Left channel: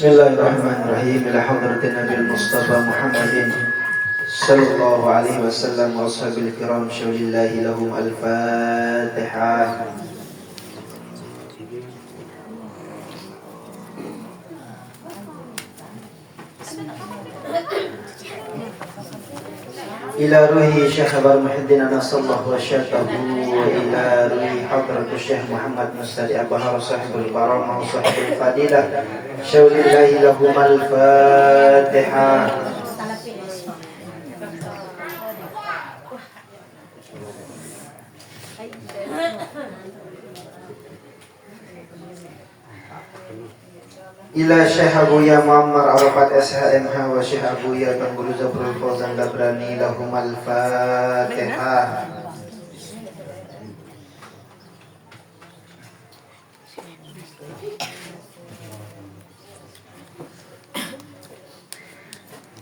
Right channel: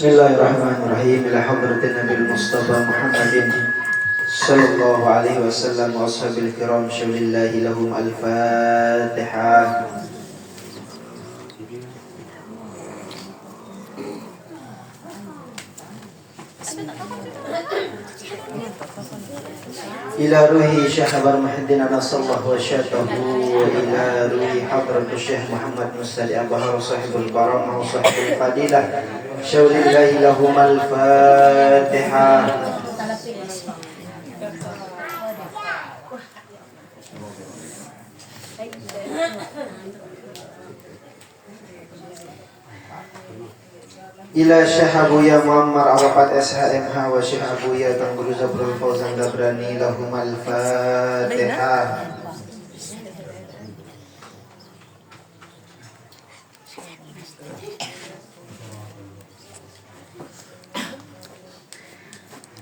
Bismillahirrahmanirrahim. Ila hadratin Nabil Mustafa Muhammadin sallallahu alaihi wasallam wa ashabil kiram syaulillahi lahum al-Fatihah. Ila ruhi Syekh Abar Muhyiddin Anasallahu wa syatahu wa ila ruhi hadratu Syekh Muhammad Mustadi Abahar sahibul karamah wa sahibul fadilah syaulillahi lahum al-Fatihah. Ila Syekh Abuya Muammar Arafat SHMH wa Syekh Abuya Tuan Guru Zabrul Fauzan Labrani lahum al-Fatihah.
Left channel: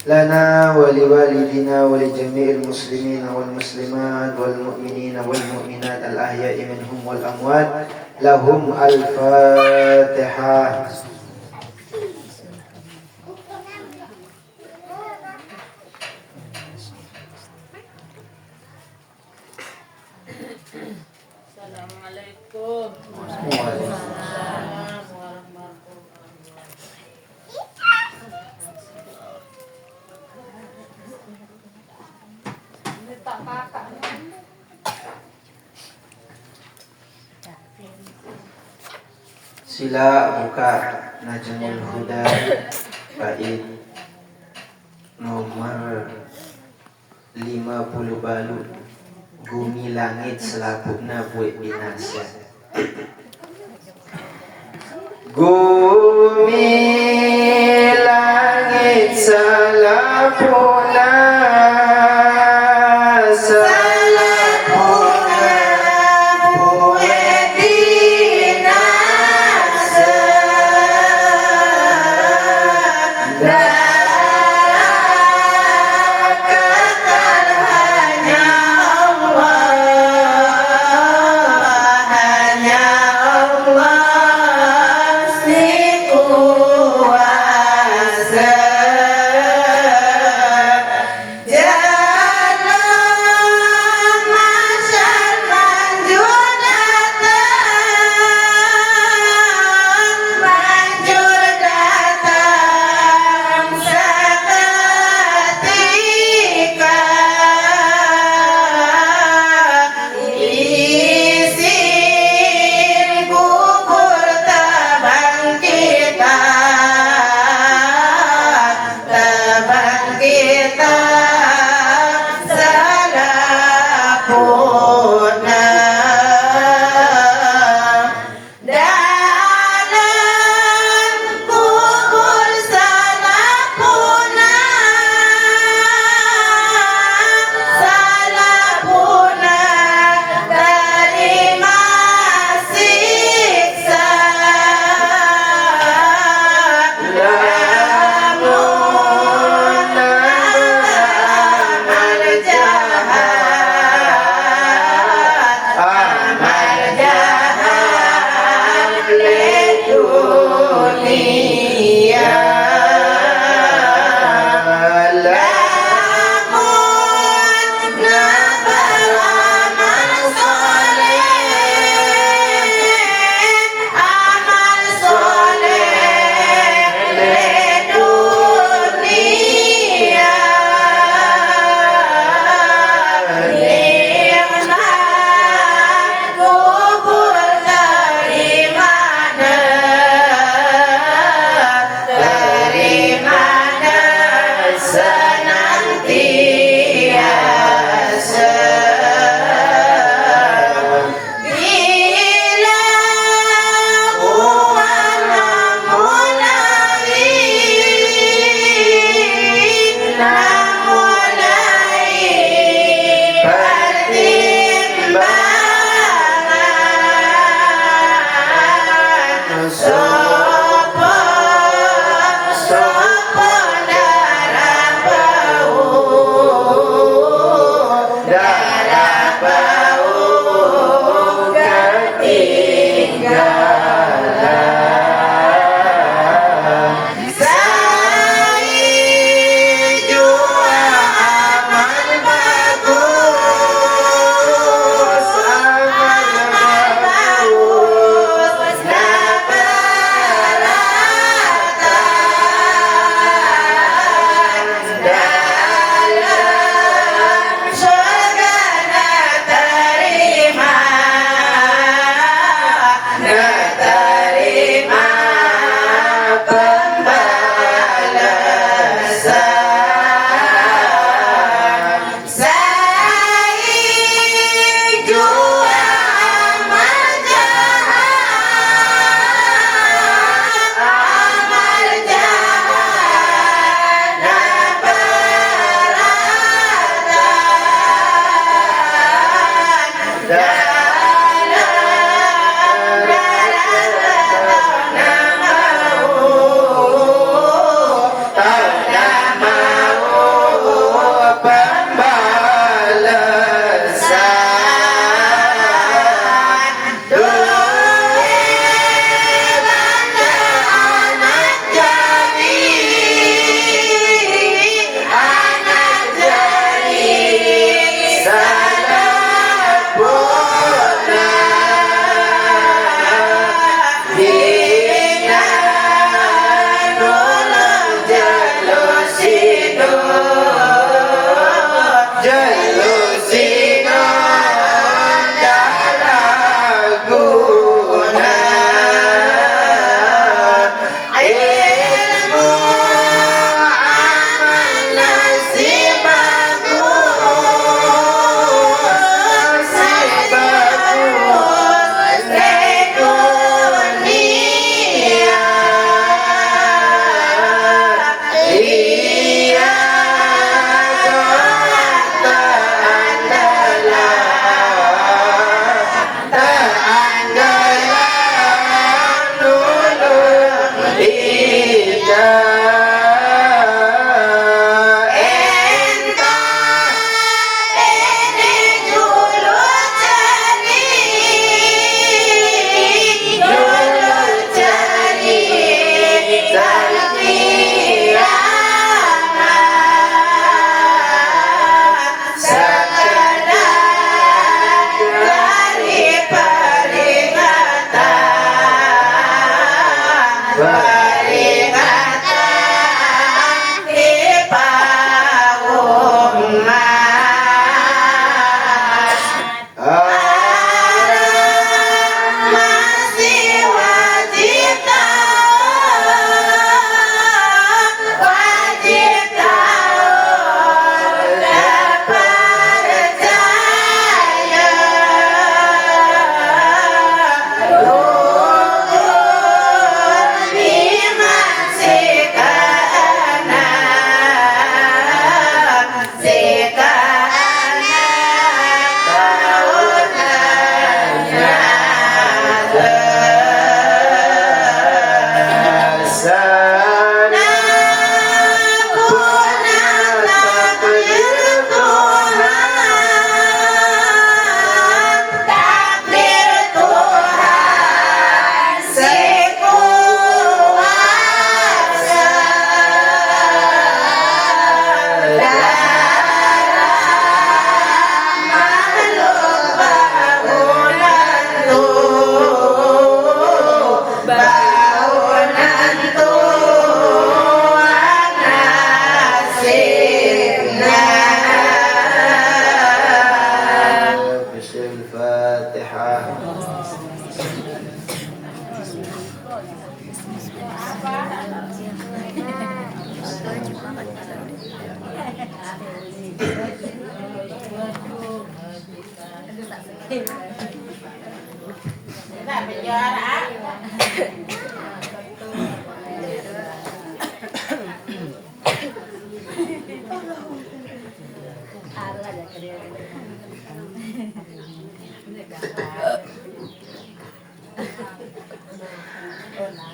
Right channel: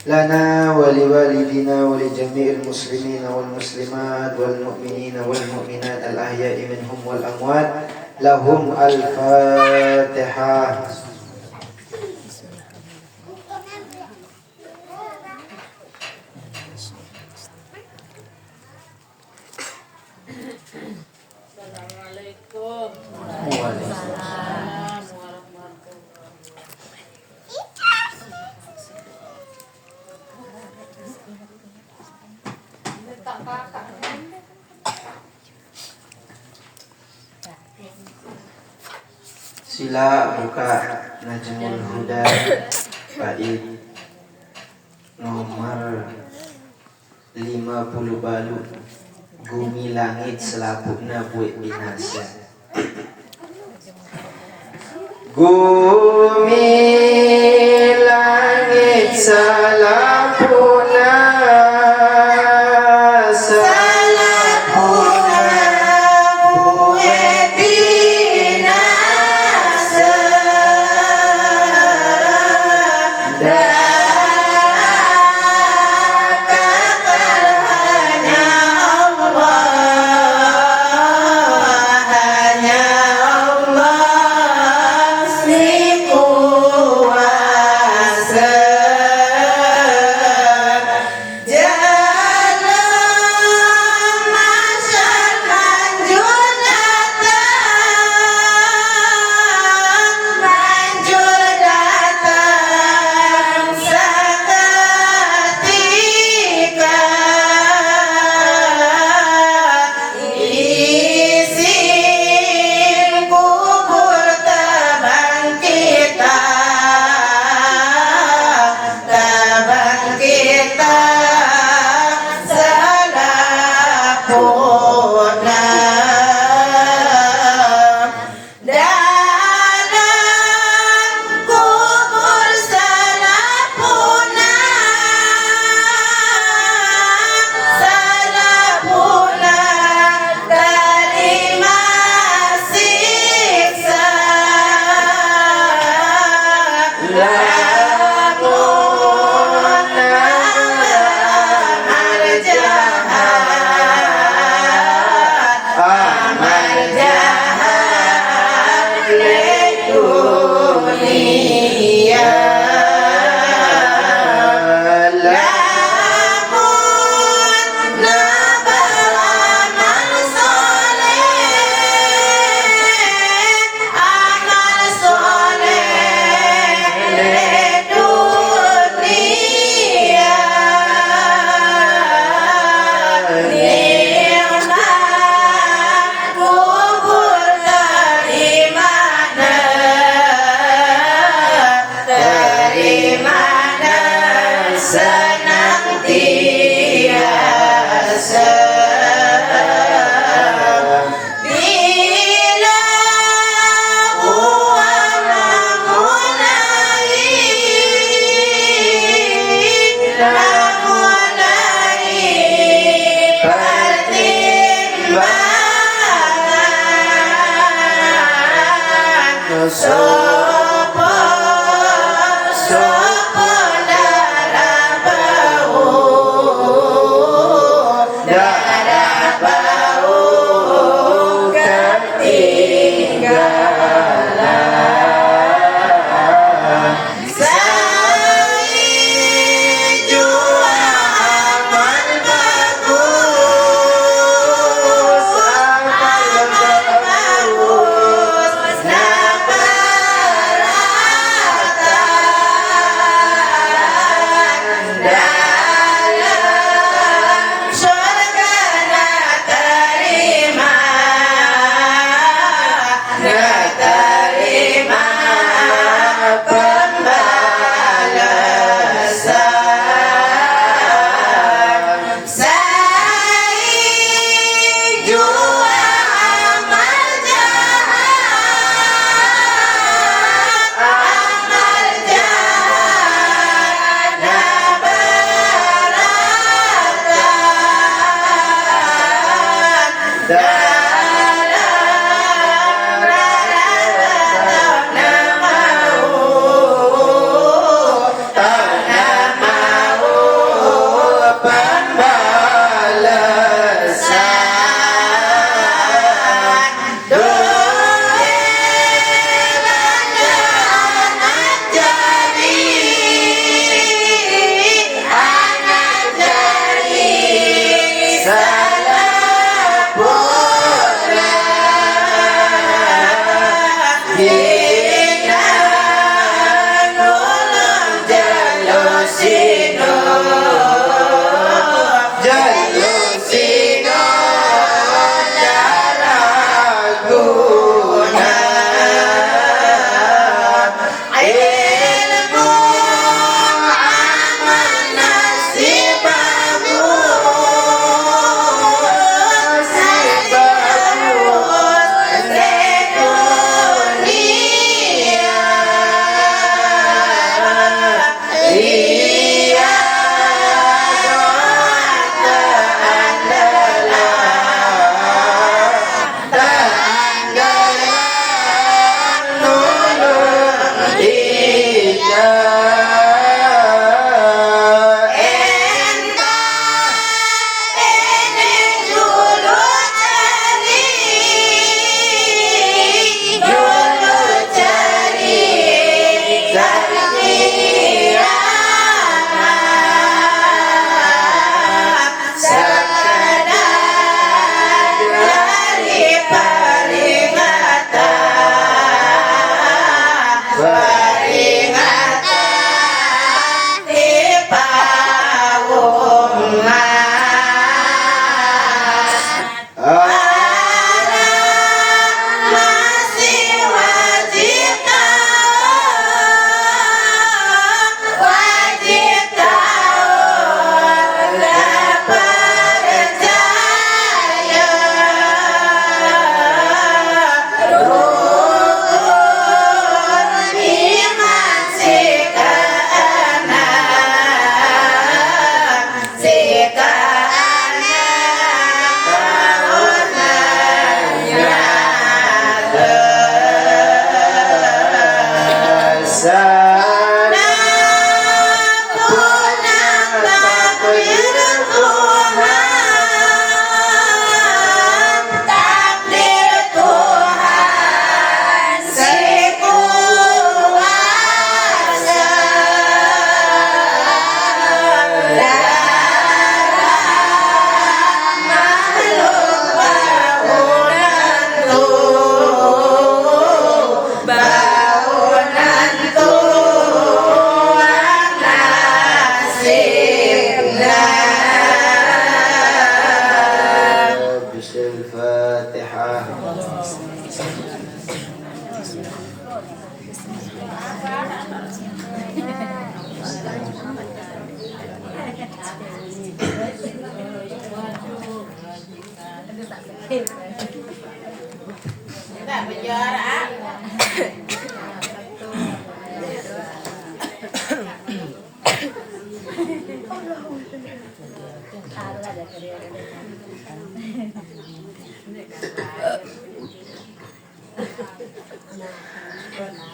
Lana wa liwalidina wa li jami'il muslimina wal muslimat wal mu'minina wal mu'minat al-ahya'i minhum wal amwat lahum al-Fatihah. Assalamualaikum. Waalaikumsalam. Sila buka Najmul Huda bait nomor 50 balu. Bumi langit selaputna buat binasa. Bumi langit selaputna buat binasa.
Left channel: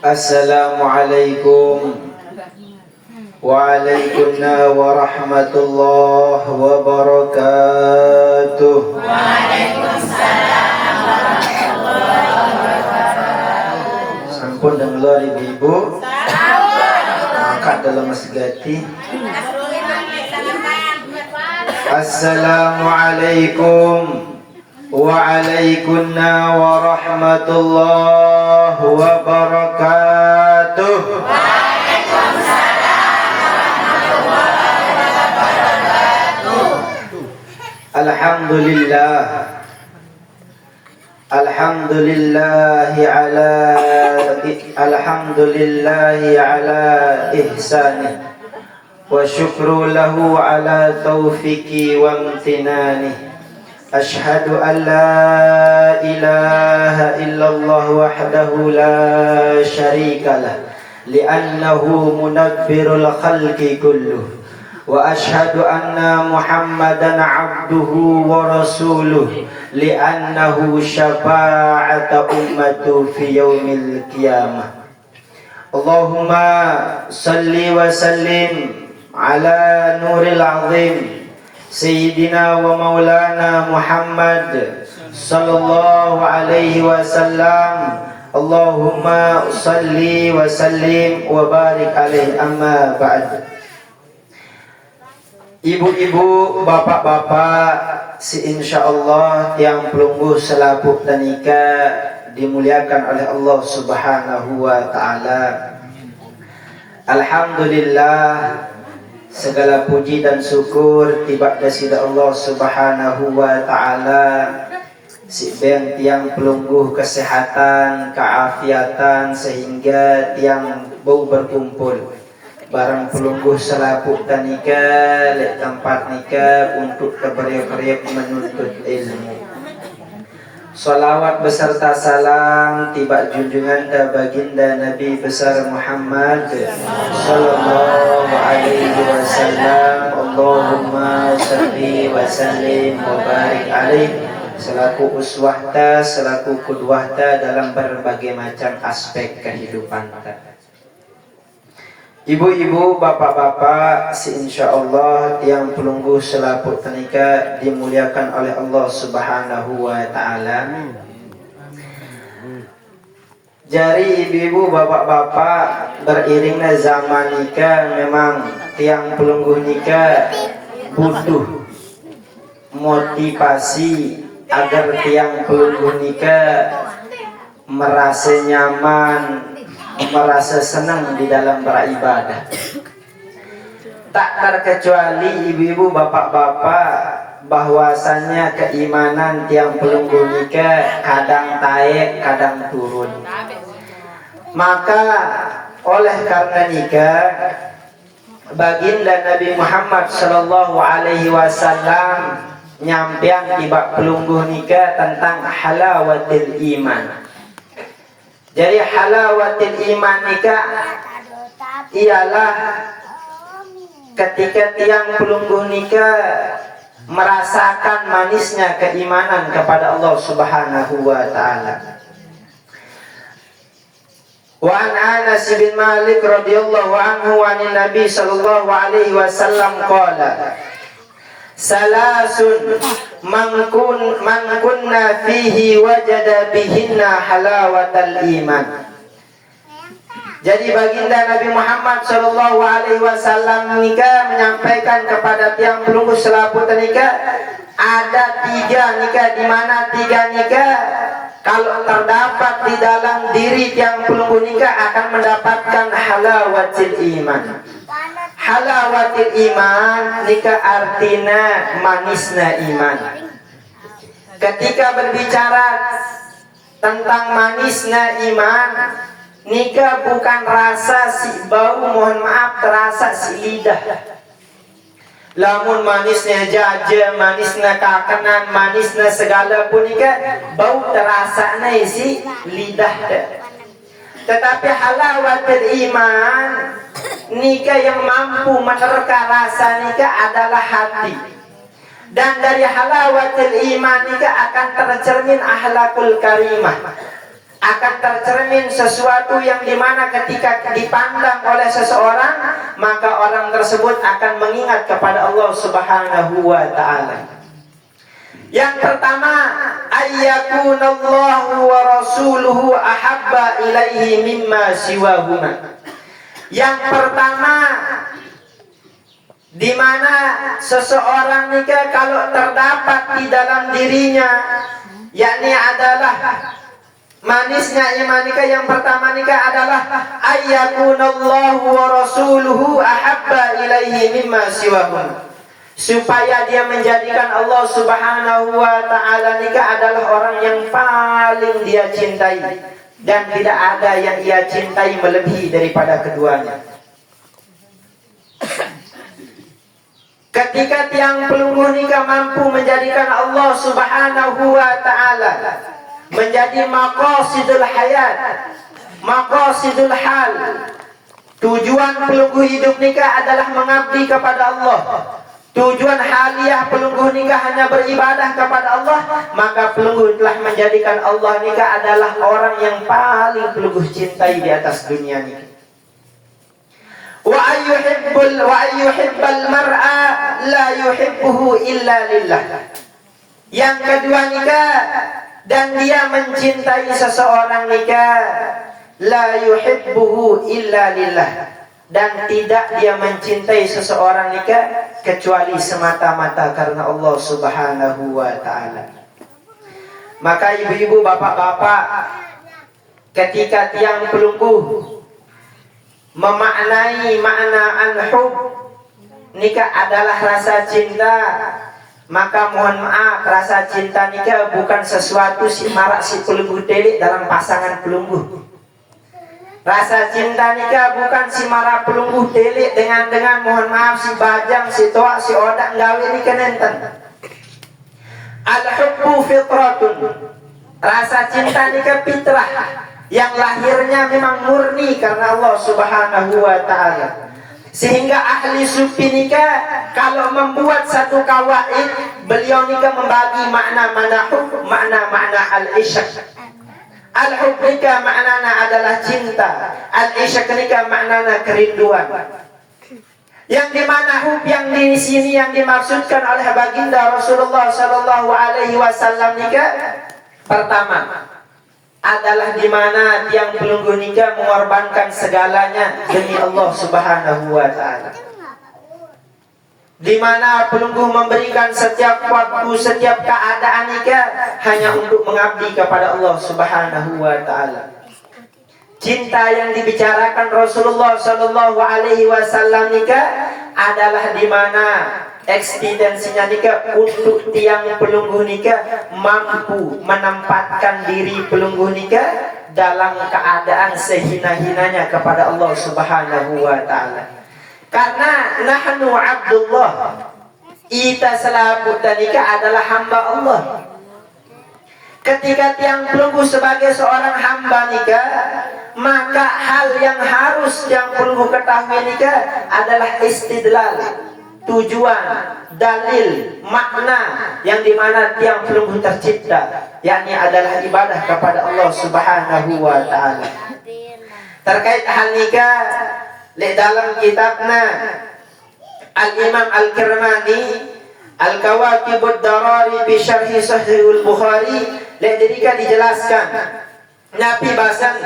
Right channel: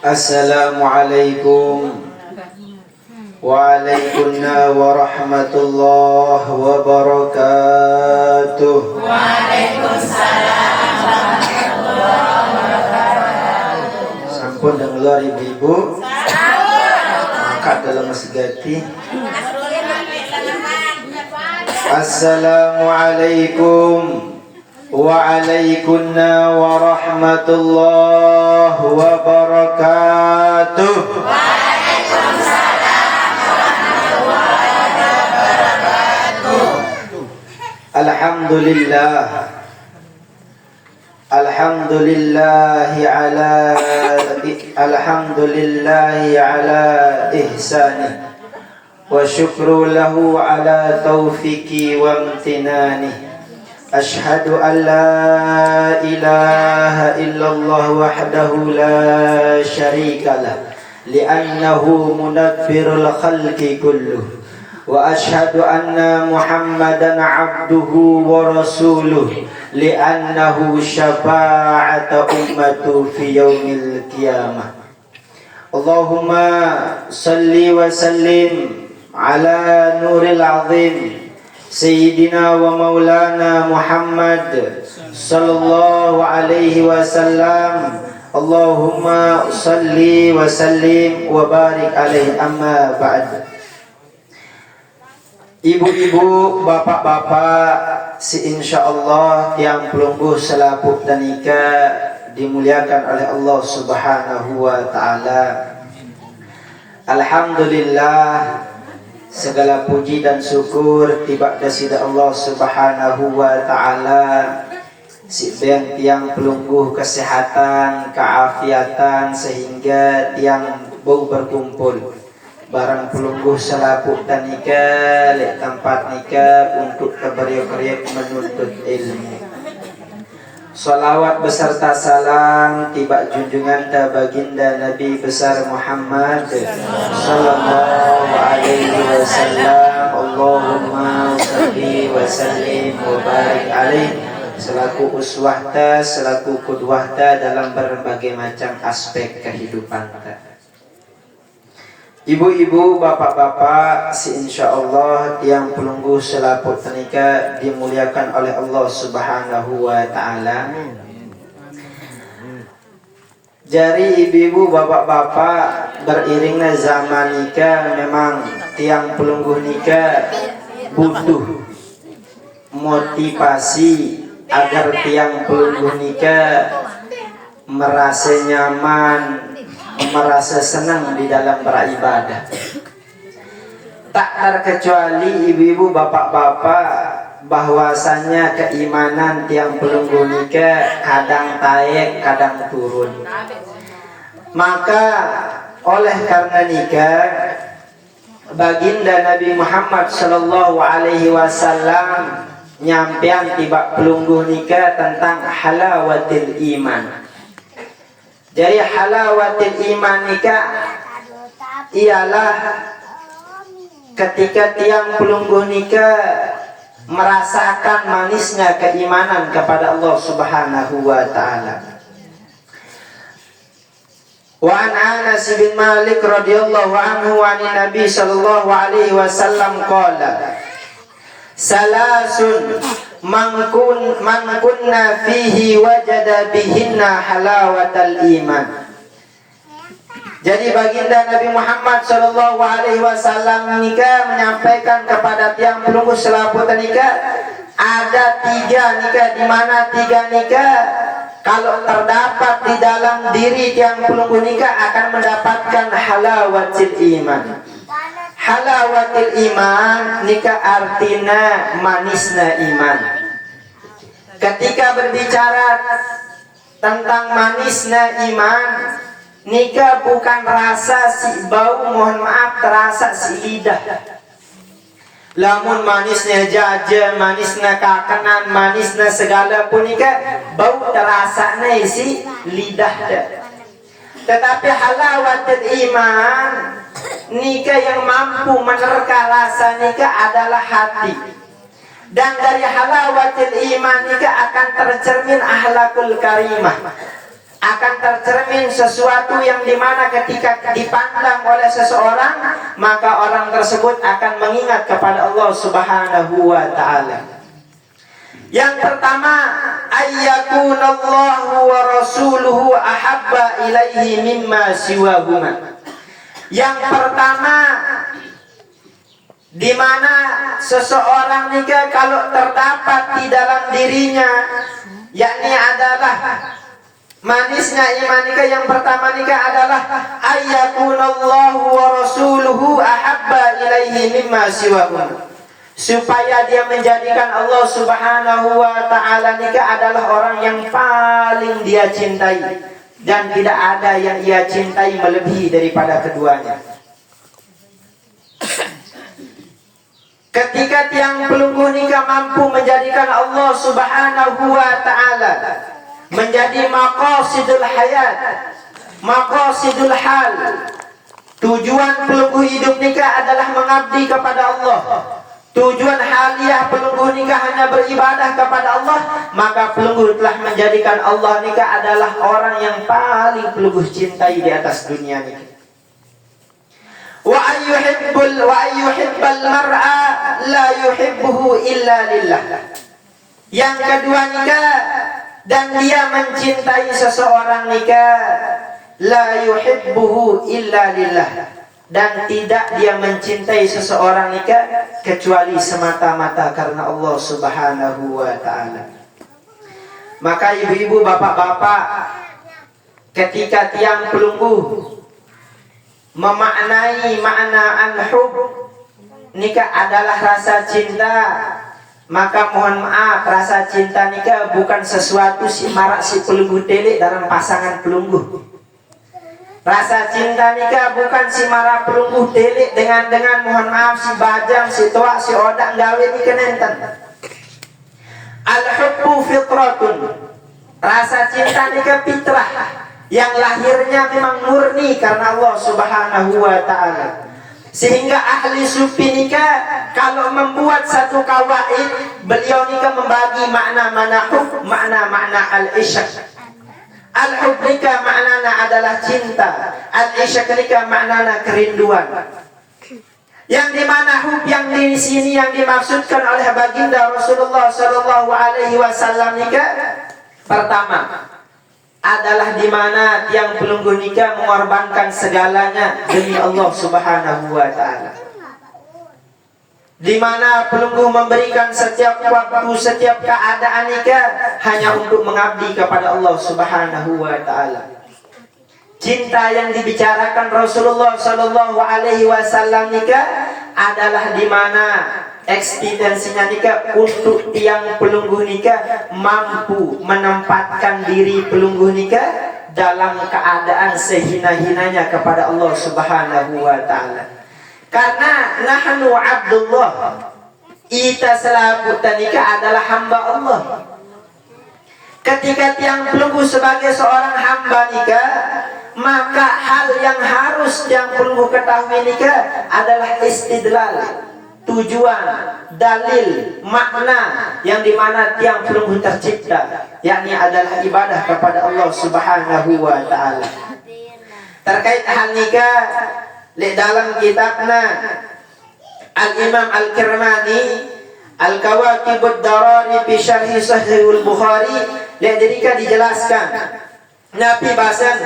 Assalamualaikum Waalaikumsalam warahmatullahi wabarakatuh. Waalaikumsalam warahmatullahi wabarakatuh. Sampun dan luar ibu-ibu. Angkat dalam masgati. Assalamualaikum Waalaikumsalam warahmatullahi wabarakatuh. Alhamdulillah Alhamdulillahi ala ihsani wa syukru lahu ala taufiqi wa amtinani. Ashhadu an la ilaha illallah wahdahu la syarika lah li'annahu munabbirul khalqi kulluh. Wa ashhadu anna Muhammadan abduhu wa rasuluh li'annahu syafa'ata ummatu fi yaumil qiyamah. Allahumma salli wa sallim ala nuril azim Sayyidina wa maulana Muhammad sallallahu alaihi wasallam. Allahumma salli wa sallim wa barik alaihi, amma ba'd. Ibu-ibu, bapak-bapak, insyaallah yang pelungguh selaput tanika dimuliakan oleh Allah Subhanahu wa taala. Alhamdulillah Segala puji dan syukur tiba kepada Allah Subhanahu wa taala. Si ben tiang pelungguh kesehatan, keafiatan sehingga tiang bau berkumpul. Barang pelungguh selaput dan nikah lek tempat nikah untuk keberiak-beriak menuntut ilmu. Salawat beserta salam tiba junjungan baginda Nabi besar Muhammad sallallahu alaihi wasallam. Allahumma shalli wa sallim wa barik alaihi, selaku uswahta, selaku qudwahta dalam berbagai macam aspek kehidupan. Ibu-ibu, bapak-bapak, insyaallah yang pelungguh selaput tenika dimuliakan oleh Allah Subhanahu wa taala. Jari ibu-ibu, bapak-bapak, beriringnya zaman nikah memang tiang pelungguh nikah butuh motivasi agar tiang pelungguh nikah merasa nyaman, merasa senang di dalam beribadah. Tak terkecuali ibu-ibu, bapak-bapak, bahwasannya keimanan tiang pelungguh nikah kadang naik, kadang turun. Maka oleh karena nikah, baginda Nabi Muhammad sallallahu alaihi wasallam nyampean tiba pelungguh nikah tentang halawatil iman. Jadi halawatil iman nikah ialah ketika tiang pelungguh nikah merasakan manisnya keimanan kepada Allah Subhanahu wa taala. Wa an Anas bin Malik radhiyallahu anhu an Nabi sallallahu alaihi wasallam qala: Salasun man kunna fihi wajada bihinna halawatal iman. Jadi baginda Nabi Muhammad sallallahu alaihi wasallam nikah menyampaikan kepada tiang pelungguh selaput nikah, ada 3 nikah, di mana 3 nikah kalau terdapat di dalam diri tiang pelungguh nikah akan mendapatkan halawatil iman. Halawatil iman nikah artinya manisnya iman. Ketika berbicara tentang manisnya iman, nikah bukan rasa si bau, mohon maaf, terasa si lidah. Lamun manisnya jaja, manisnya kakenan, manisnya segala pun nikah bau terasa si lidah. Tetapi halawatil iman, nikah yang mampu menerka rasa nikah adalah hati. Dan dari halawatil iman nikah akan tercermin akhlakul karimah. Akan tercermin sesuatu yang dimana ketika dipandang oleh seseorang, maka orang tersebut akan mengingat kepada Allah Subhanahu wa ta'ala. Yang pertama, ayyakunallahu wa rasuluhu ahabba ilaihi mimma siwahuma. Yang pertama, di mana seseorang nikah kalau terdapat di dalam dirinya, yakni adalah manisnya iman nikah, yang pertama nikah adalah ayyakunallahu wa rasuluhu ahabba ilaihi mimma siwahuma. Supaya dia menjadikan Allah Subhanahu wa ta'ala nikah adalah orang yang paling dia cintai, dan tidak ada yang ia cintai melebihi daripada keduanya. Ketika tiang pelungguh nikah mampu menjadikan Allah Subhanahu wa ta'ala menjadi maqasidul hayat, maqasidul hal, tujuan pelungguh hidup nikah adalah mengabdi kepada Allah, tujuan haliah pelungguh nikah hanya beribadah kepada Allah, maka pelungguh telah menjadikan Allah nikah adalah orang yang paling pelungguh cintai di atas dunia ini. Wa ayyuhibbal mar'a la yuhibbuhu illa lillah. Yang kedua nikah, dan dia mencintai seseorang nikah, la yuhibbuhu illa lillah, dan tidak dia mencintai seseorang nikah kecuali semata-mata karena Allah Subhanahu wa ta'ala. Maka ibu-ibu, bapak-bapak, ketika tiang pelungguh memaknai makna an-hub, nikah adalah rasa cinta, maka mohon maaf, rasa cinta nikah bukan sesuatu si marak si pelunggu telik dalam pasangan pelunggu. Rasa cinta nikah bukan si marak pelunggu telik dengan mohon maaf si bajang, si toak, si odak gawe nikah nenten. Al-hubbu fitratun. Rasa cinta nikah fitrah yang lahirnya memang murni karena Allah Subhanahu wa taala. Sehingga ahli sufi nikah kalau membuat satu kawaid, beliau nikah membagi makna hub, makna al-isyq. Al-hub nikah maknanya adalah cinta, al-isyq nikah maknanya kerinduan. Yang dimana hub yang di sini yang dimaksudkan oleh baginda Rasulullah Sallallahu Alaihi Wasallam nikah pertama adalah dimana tiang pelunggu nikah mengorbankan segalanya demi Allah Subhanahu Wa Taala. Dimana pelunggu memberikan setiap waktu, setiap keadaan nikah hanya untuk mengabdi kepada Allah Subhanahu Wa Taala. Cinta yang dibicarakan Rasulullah Sallallahu Alaihi Wasallam nikah adalah dimana eksistensinya nikah untuk tiang pelunggu nikah mampu menempatkan diri pelunggu nikah dalam keadaan sehina-hinanya kepada Allah Subhanahu Wa Taala. Karena nahnu abdullah, kita selaku nikah adalah hamba Allah. Ketika tiang pelunggu sebagai seorang hamba nikah, maka hal yang harus tiang pelunggu ketahui nikah adalah istidlal, tujuan, dalil, makna yang dimana tiang pelunggu tercipta, yakni adalah ibadah kepada Allah Subhanahu Wa Taala. Terkait hal nikah, dalam kitabnya Al-Imam Al-Kirmani Al-Kawakibud Darari fi Syarhi Sahihul Bukhari, lihat dijelaskan Nabi bahasan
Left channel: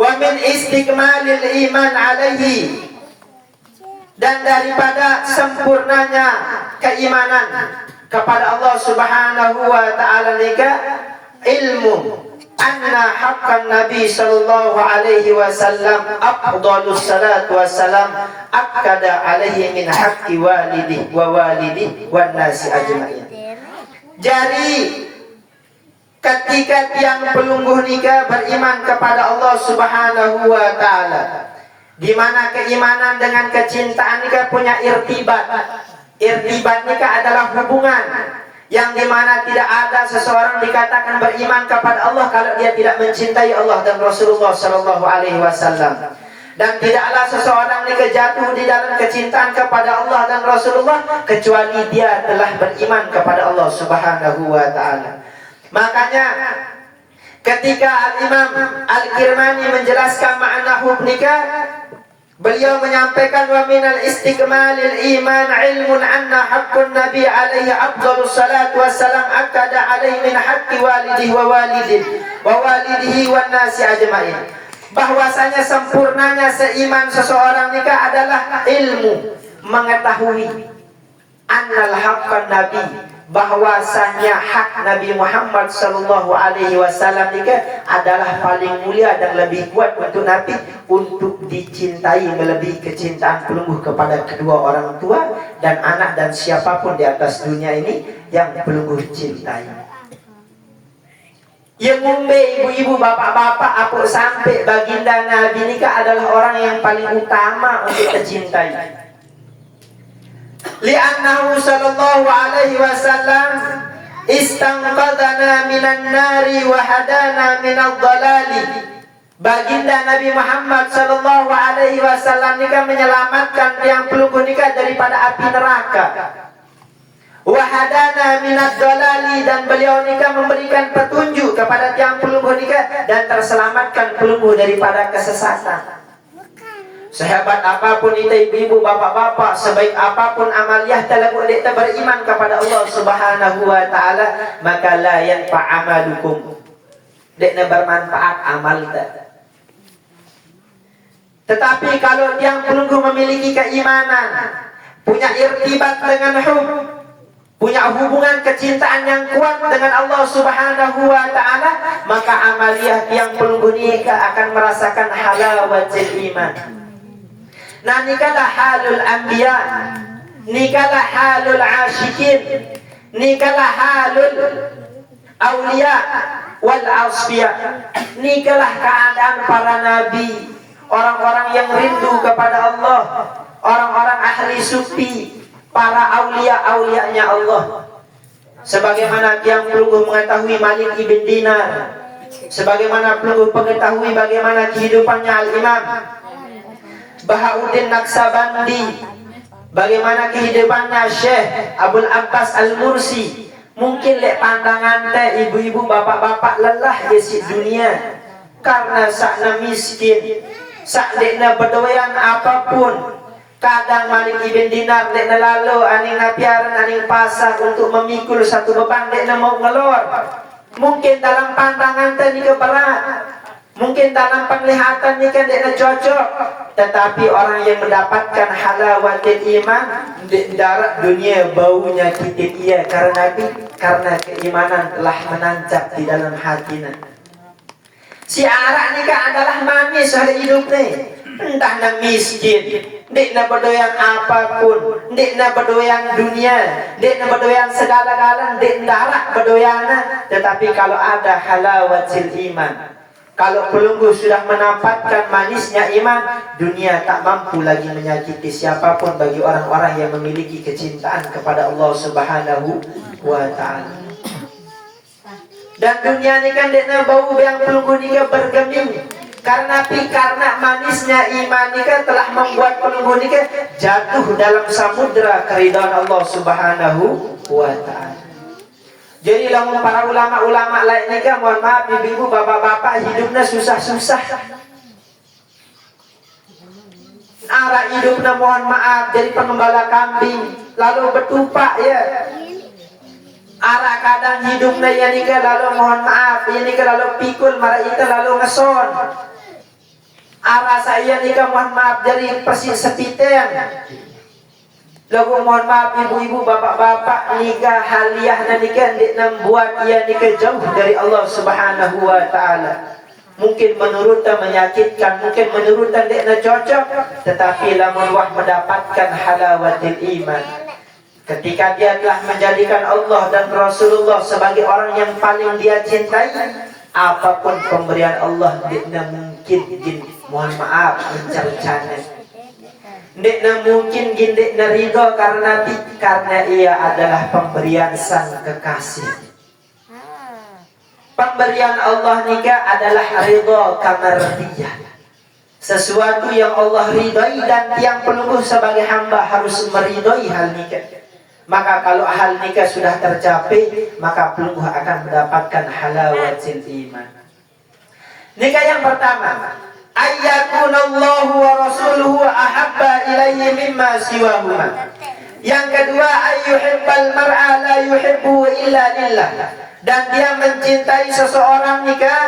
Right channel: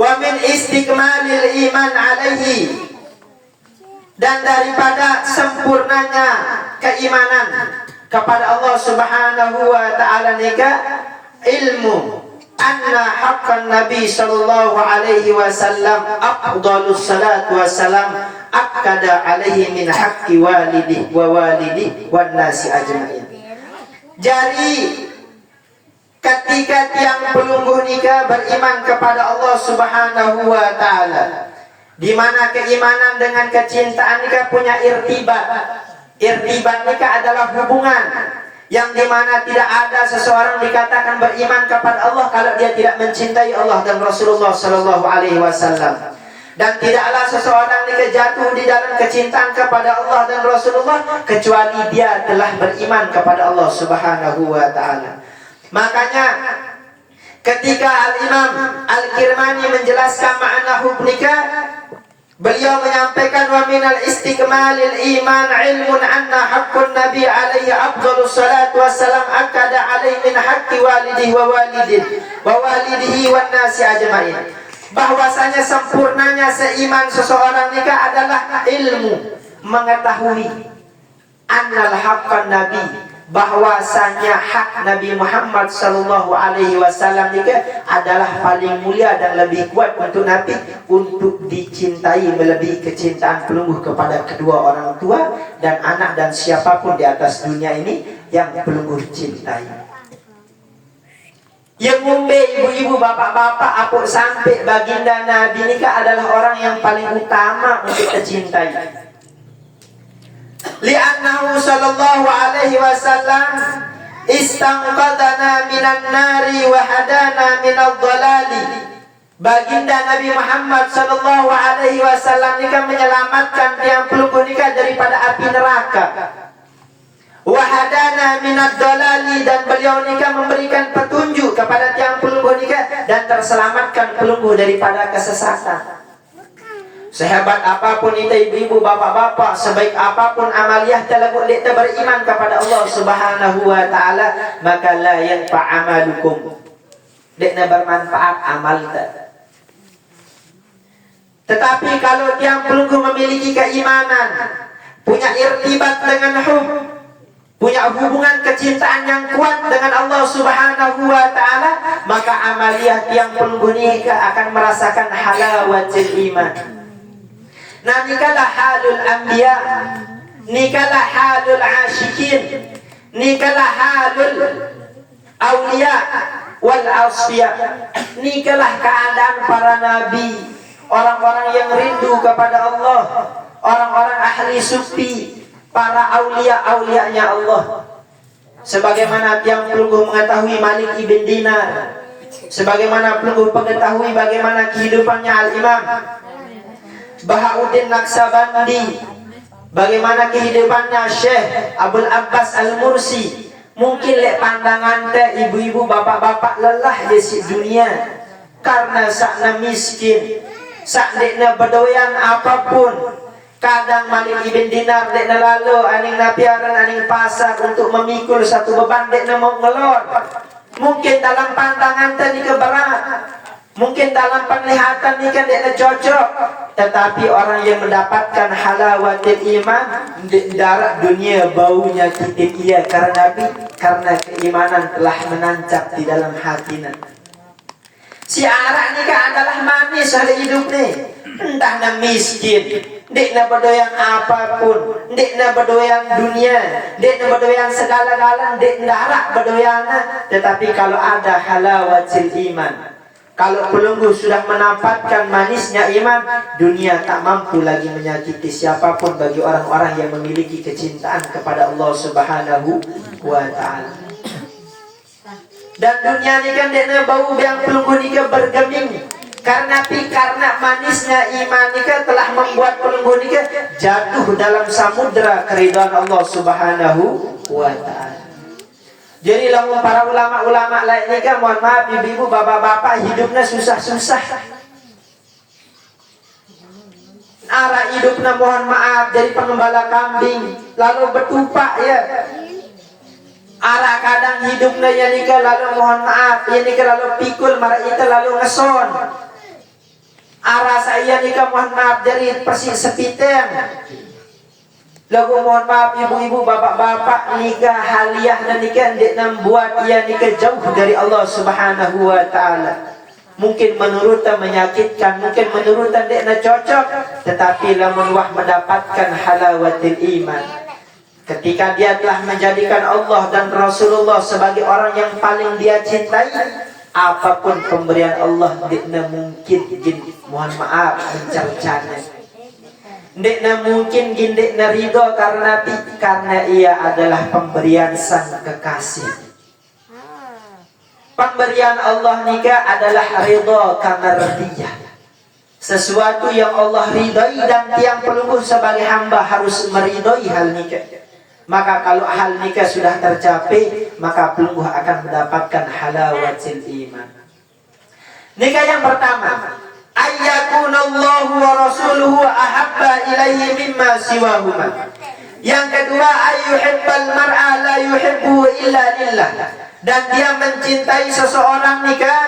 wa min istikmalil iman alaihi, dan daripada sempurnanya keimanan kepada Allah Subhanahu Wa Taala nikah ilmu anna haqqan Nabi sallallahu alaihi wasallam afdalus salatu wassalam akkada alaihi min haqqi walidih wa walidih wan nasi ajma'in. Jadi ketika tiang pelunggu nikah beriman kepada Allah Subhanahu Wa Taala, di mana keimanan dengan kecintaan nikah punya irtibat. Irtibat nikah adalah hubungan yang dimana tidak ada seseorang dikatakan beriman kepada Allah kalau dia tidak mencintai Allah dan Rasulullah Sallallahu Alaihi Wasallam. Dan tidaklah seseorang nikah jatuh di dalam kecintaan kepada Allah dan Rasulullah kecuali dia telah beriman kepada Allah Subhanahu Wa Taala. Makanya ketika Al-Imam Al-Kirmani menjelaskan makna hub nikah, beliau menyampaikan wa minal istikmalil iman ilmun anna haqqun nabi alaihi afdhalus salatu wassalam akada alaihi min haqqi walidihi wa walidihi wan nasi ajma'in. Bahwasanya sempurnanya seiman seseorang nikah adalah ilmu, mengetahui annal haqqan nabi, bahwasanya hak Nabi Muhammad sallallahu alaihi wasallam nikah adalah paling mulia dan lebih kuat untuk Nabi untuk dicintai melebihi kecintaan pelunggu kepada kedua orang tua dan anak dan siapapun di atas dunia ini yang pelunggu cintai. Yang ngumbe ibu-ibu, bapak-bapak, apuk sampai baginda Nabi nikah adalah orang yang paling utama untuk dicintai. Li'annahu sallallahu alaihi wasallam istanqadana minan nari wa hadana minal dhalali. Baginda Nabi Muhammad sallallahu alaihi wasallam nikah menyelamatkan tiang pelunggu nikah daripada api neraka. Wa hadana minad dhalali, dan beliau nikah memberikan petunjuk kepada tiang pelunggu nikah dan terselamatkan pelunggu daripada kesesatan. Sehebat apapun kita ibu-ibu, bapak-bapak, sebaik apapun amaliyah telakut kita beriman kepada Allah Subhanahu Wa Taala, maka la yanfa' amalukum, dekna bermanfaat amal kita. Tetapi kalau tiang pelunggu memiliki keimanan, punya irtibat dengan hub, punya hubungan kecintaan yang kuat dengan Allah Subhanahu Wa Taala, maka amaliyah tiang pelunggu nikah akan merasakan halawatul iman. Nah nikahlah halul anbiya, nikalah halul asyikin, nikalah halul aulia wal asfiya, nikalah keadaan para nabi, orang-orang yang rindu kepada Allah, orang-orang ahli sufi, para aulia-aulianya Allah. Sebagaimana tiang pelungguh mengetahui Malik ibn Dinar, sebagaimana pelungguh mengetahui bagaimana kehidupannya Al-Imam Bahauddin Naqsabandi, bagaimana kehidupannya Syekh Abdul Abbas Al-Mursi. Mungkin lek pandangan teh ibu-ibu bapak-bapak lelah di dunia karena sakna miskin, sakna berdoyan apapun. Kadang Malik ibn Dinar dekna lalu aning napiaran aning pasar untuk memikul satu beban dekna mau ngelor. Mungkin dalam pandangan tadi keberat, mungkin dalam penglihatan ini kan dekna cocok, tetapi orang yang mendapatkan halawatil iman di darat dunia baunya titip ia karena keimanan telah menancap di dalam hatinya. Si arak ni kan adalah manis hari hidup ni. Entah nak miskin, dek nak berdoyan apapun, dek nak berdoyan dunia, dek nak berdoyan segala-galanya, dek darat berdoyan. Tetapi kalau ada halawatil iman, kalau pelunggu sudah mendapatkan manisnya iman, dunia tak mampu lagi menyakiti siapapun bagi orang-orang yang memiliki kecintaan kepada Allah Subhanahu wa ta'ala. Dan dunia ni kan dekna bau yang pelunggu ni bergeming. Karena manisnya iman ni kan telah membuat pelunggu ni kan jatuh dalam samudra keridhaan Allah Subhanahu wa ta'ala. Jadi lamun para ulama-ulama lain ni kan, mohon maaf ibu-ibu bapak-bapak hidupnya susah-susah. Arah hidupnya mohon maaf dari pengembala kambing lalu bertupak ya. Arah kadang hidupnya ya nikah lalu mohon maaf ya nikah lalu pikul marah ita lalu ngeson. Arah saya nikah mohon maaf dari persis sepiteng. Lalu mohon maaf ibu-ibu bapak-bapak nikah haliah dan nikah membuat ia nikah jauh dari Allah Subhanahu wa ta'ala. Mungkin menurutnya menyakitkan, mungkin menurutnya tidak cocok, tetapi lamun wah mendapatkan halawatil iman, ketika dia telah menjadikan Allah dan Rasulullah sebagai orang yang paling dia cintai, apapun pemberian Allah tidak mungkin mohon maaf mencari-cari, tidak mungkin tidak ridho karena ia adalah pemberian sang kekasih. Pemberian Allah nikah adalah ridho karena dia. Sesuatu yang Allah ridhai dan tiang pelungguh sebagai hamba harus meridhai hal nikah. Maka kalau hal nikah sudah tercapai, maka pelungguh akan mendapatkan halawatil iman. Nikah yang pertama, ayyakunallahu wa rasuluhu ahabba ilaihi mimma siwahuma. Yang kedua, ayyuhibbal mar'a la yuhibbu illa lillah. Dan dia mencintai seseorang nikah,